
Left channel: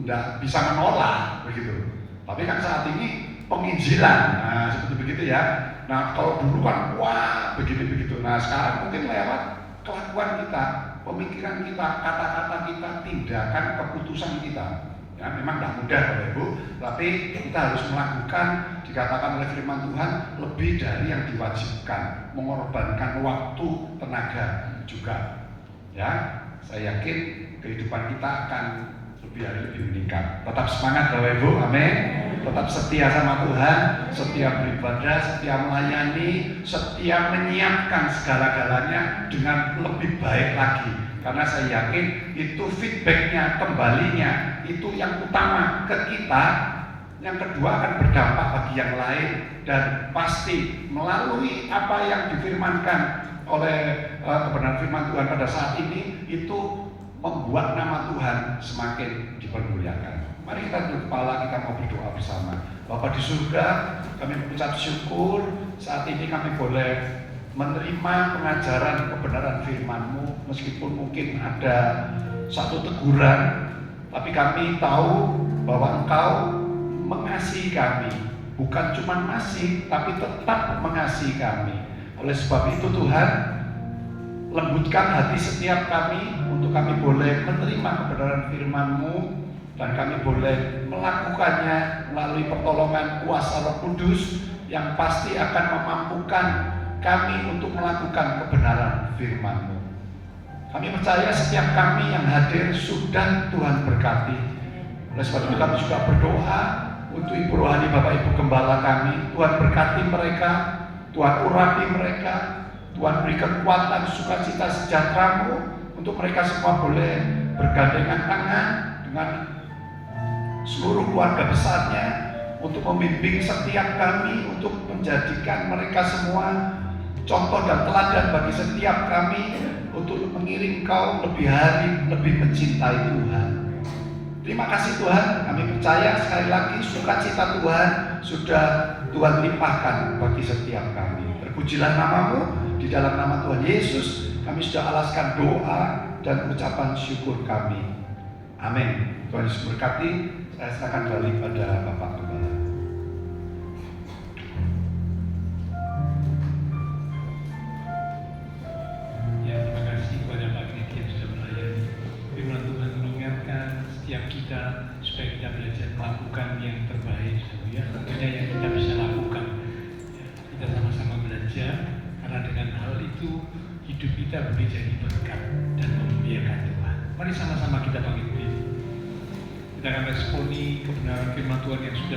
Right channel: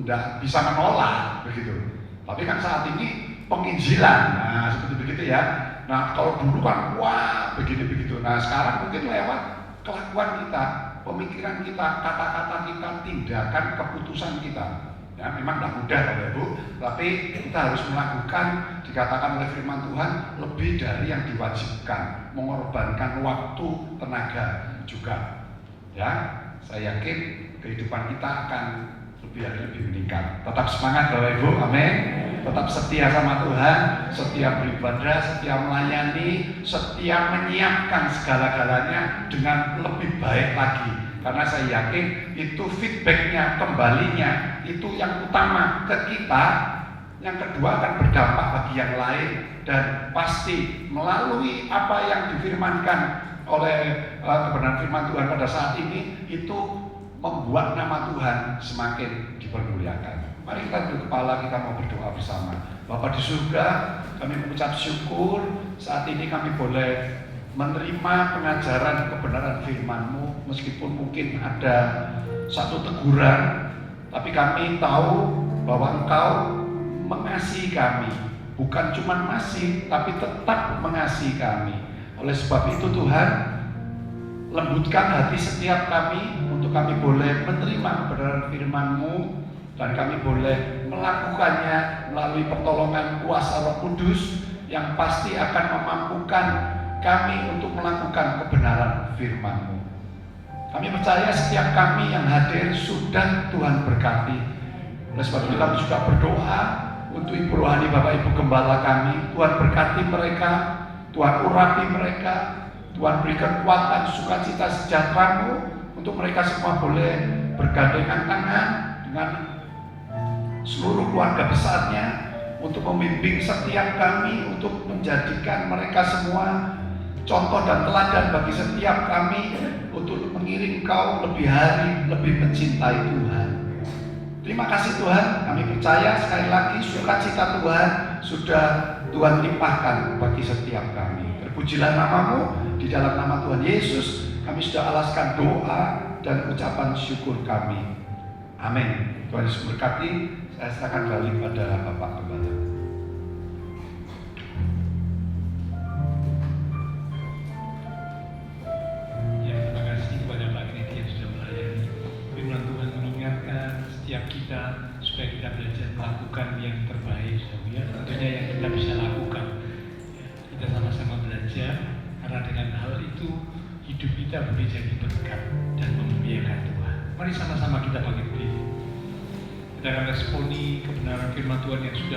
tidak bisa menolak, begitu. Tapi kan saat ini penginjilan, nah seperti begitu ya. Nah kalau dulu kan wah begini-begitu. Nah sekarang mungkin lewat kelakuan kita, pemikiran kita, kata-kata kita, tindakan, keputusan kita. Ya memang tidak mudah Bapak Ibu, tapi kita harus melakukan, dikatakan oleh firman Tuhan, lebih dari yang diwajibkan, mengorbankan waktu, tenaga juga. Ya, saya yakin kehidupan kita akan lebih hari lebih meningkat. Tetap semangat Bapak Ibu, amin. Tetap setia sama Tuhan, setia beribadah, setia melayani, setia menyiapkan segala-galanya dengan lebih baik lagi. Karena saya yakin itu feedbacknya, kembalinya, itu yang utama ke kita. Yang kedua akan berdampak bagi yang lain, dan pasti melalui apa yang difirmankan oleh kebenaran firman Tuhan pada saat ini, itu membuat nama Tuhan semakin dipermuliakan. Mari kita tunduk kepala, kita mau berdoa bersama. Bapa di surga, kami mengucap syukur saat ini kami boleh menerima pengajaran kebenaran firman-Mu, meskipun mungkin ada satu teguran, tapi kami tahu bahwa Engkau mengasihi kami, bukan cuma masih, tapi tetap mengasihi kami. Oleh sebab itu Tuhan, lembutkan hati setiap kami untuk kami boleh menerima kebenaran firman-Mu, dan kami boleh melakukannya melalui pertolongan kuasa Roh Kudus yang pasti akan memampukan kami untuk melakukan kebenaran firman-Mu. Kami percaya setiap kami yang hadir sudah Tuhan berkati. Oleh sebab itu kami juga berdoa untuk Ibu Rohani Bapak Ibu Gembala kami. Tuhan berkati mereka, Tuhan urapi mereka, Tuhan beri kekuatan, sukacita, sejahtera-Mu untuk mereka semua boleh bergandengan tangan dengan seluruh keluarga besarnya untuk membimbing setiap kami, untuk menjadikan mereka semua contoh dan teladan bagi setiap kami untuk mengiring Engkau lebih hari, lebih mencintai Tuhan. Terima kasih Tuhan, kami percaya sekali lagi sukacita Tuhan sudah Tuhan limpahkan bagi setiap kami. Terpujilah nama-Mu, di dalam nama Tuhan Yesus kami sudah alaskan doa dan ucapan syukur kami. Amin. Tuhan Yesus berkati. Saya serahkan balik pada Bapak Gembala. Firman Tuhan mengingatkan setiap kita supaya kita belajar melakukan yang terbaik itu hidup kita boleh jadi berkat dan memuliakan Tuhan. Mari sama-sama kita bangkit berdiri. Kita akan responi kebenaran firman Tuhan yang sudah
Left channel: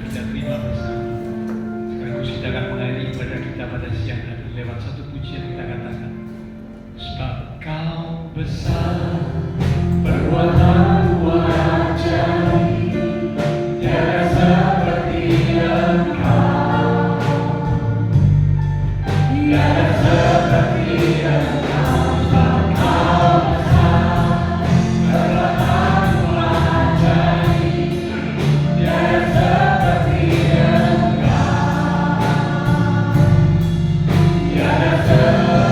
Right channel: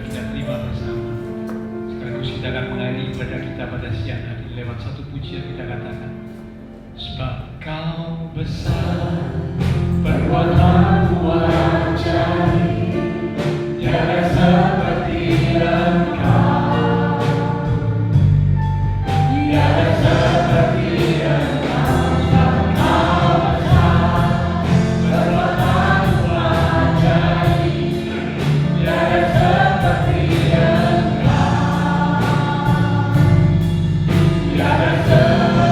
kita terima bersama. Sekaligus kita akan mengakhiri ibadah kita pada siang hari lewat satu pujian kita katakan, sebab Kau besar, perbuatanmu ajaib, tiada seperti Engkau, tiada seperti Engkau. Sebab Kau besar, perbuatanmu ajaib, tiada seperti Engkau, tiada seperti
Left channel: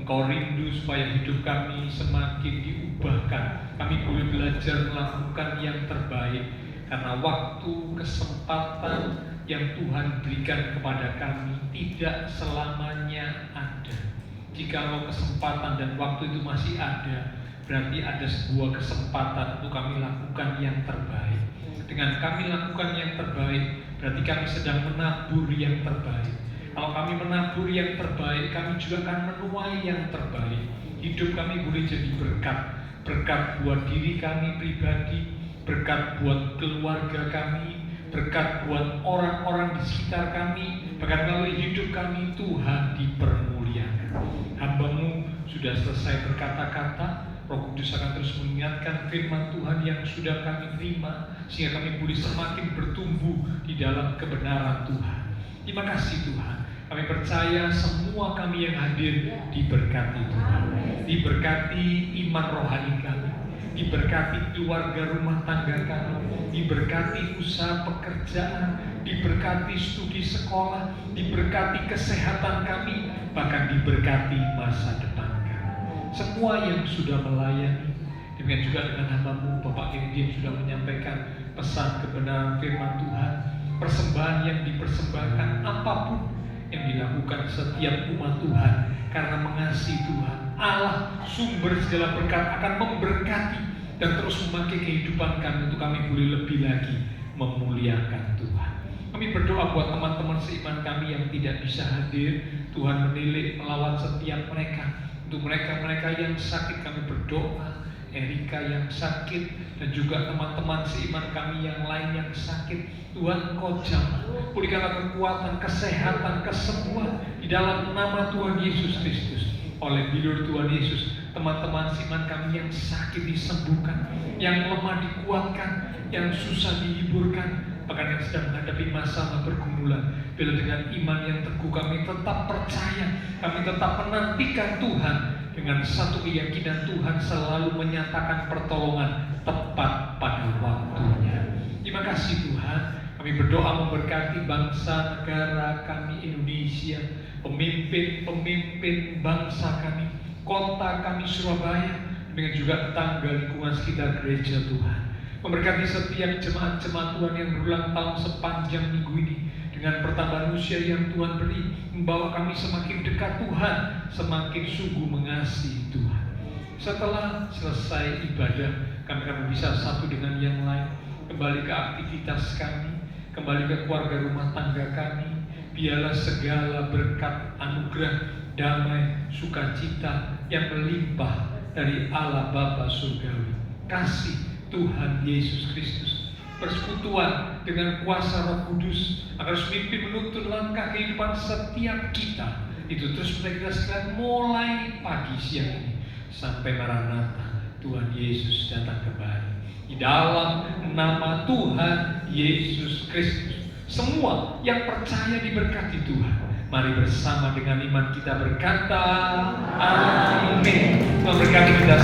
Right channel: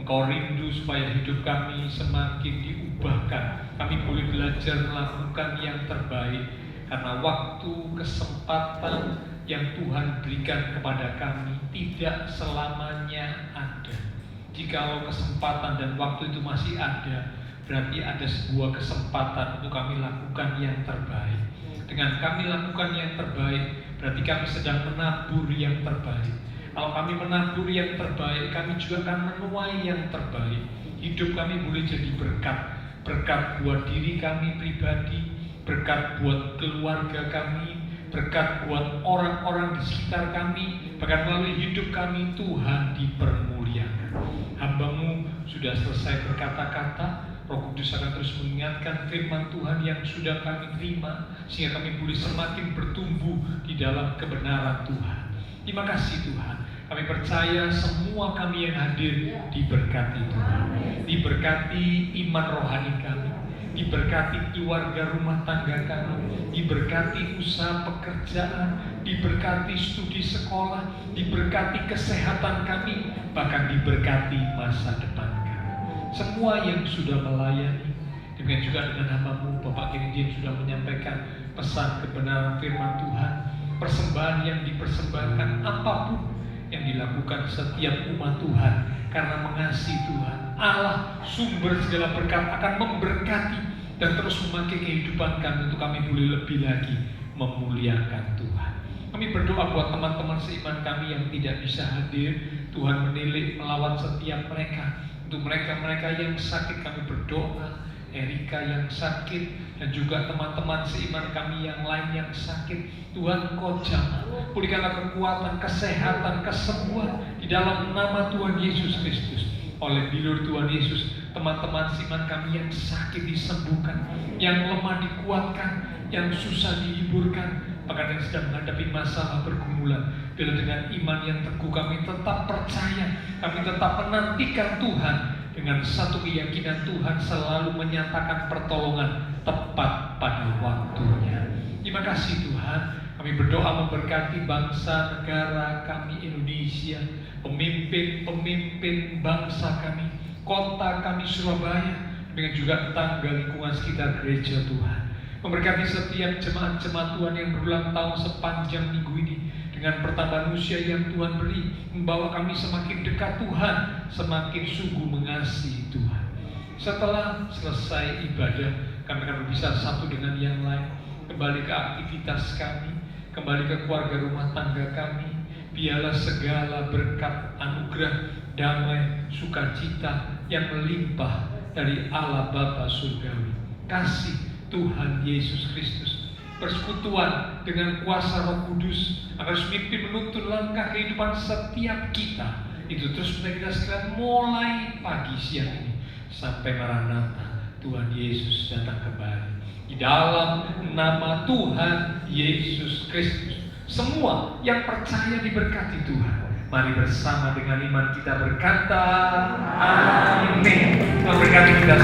Engkau rindu supaya hidup kami semakin diubahkan. Kami boleh belajar melakukan yang terbaik karena waktu, kesempatan yang Tuhan berikan kepada kami tidak selamanya ada. Jikalau kesempatan dan waktu itu masih ada, berarti ada sebuah kesempatan untuk kami lakukan yang terbaik. Dengan kami lakukan yang terbaik, berarti kami sedang menabur yang terbaik. Kalau kami menabur yang terbaik, kami juga akan menuai yang terbaik. Hidup kami boleh jadi berkat. Berkat buat diri kami pribadi, berkat buat keluarga kami, berkat buat orang-orang di sekitar kami. Bahkan melalui hidup kami Tuhan dipermuliakan. Hamba-Mu sudah selesai berkata-kata, Roh Kudus akan terus mengingatkan firman Tuhan yang sudah kami terima, sehingga kami boleh semakin bertumbuh di dalam kebenaran Tuhan. Terima kasih Tuhan. Kami percaya semua kami yang hadir diberkati Tuhan. Diberkati iman rohani kami, diberkati keluarga rumah tangga kami, diberkati usaha pekerjaan, diberkati studi sekolah, diberkati kesehatan kami, bahkan diberkati masa depan kami. Semua yang sudah melayani, demikian juga dengan hamba-Mu Bapak Kennedy sudah menyampaikan pesan kebenaran firman Tuhan. Persembahan yang dipersembahkan, apapun yang dilakukan setiap umat Tuhan karena mengasihi Tuhan, Allah sumber segala berkat akan memberkati dan terus memakai kehidupan kami untuk kami boleh lebih lagi memuliakan Tuhan. Kami berdoa buat teman-teman seiman kami yang tidak bisa hadir. Tuhan menilik melawat setiap mereka. Untuk mereka-mereka yang sakit kami berdoa, Erika yang sakit, dan juga teman-teman seiman kami yang lain yang sakit. Tuhan Engkau jamah, pulihkanlah kekuatan, kesehatan, kesembuhan di dalam nama Tuhan Yesus Kristus. Oleh bilur Tuhan Yesus, teman-teman seiman kami yang sakit disembuhkan, yang lemah dikuatkan, yang susah dihiburkan, bahkan yang sedang menghadapi masalah pergumulan. Bila dengan iman yang teguh kami tetap percaya, kami tetap menantikan Tuhan dengan satu keyakinan Tuhan selalu menyatakan pertolongan tepat pada waktunya. Terima kasih Tuhan. Kami berdoa memberkati bangsa negara kami Indonesia, pemimpin-pemimpin bangsa kami, kota kami Surabaya, dengan juga tetangga lingkungan sekitar gereja Tuhan. Memberkati setiap jemaat-jemaat Tuhan yang berulang tahun sepanjang minggu ini, dengan pertambahan usia yang Tuhan beri, membawa kami semakin dekat Tuhan, semakin sungguh mengasihi Tuhan. Setelah selesai ibadah, kami akan berpisah satu dengan yang lain, kembali ke aktivitas kami, kembali ke keluarga rumah tangga kami. Biarlah segala berkat, anugerah, damai, sukacita yang melimpah dari Allah Bapa Surgawi, kasih Tuhan Yesus Kristus, persekutuan dengan kuasa Roh Kudus akan memimpin menuntun langkah kehidupan setiap kita. Itu terus kita sekarang mulai pagi siang ini sampai Maranatha, Tuhan Yesus datang kembali. Di dalam nama Tuhan Yesus Kristus, semua yang percaya diberkati Tuhan. Mari bersama dengan iman kita berkata, Amin. Tuhan berkati kita.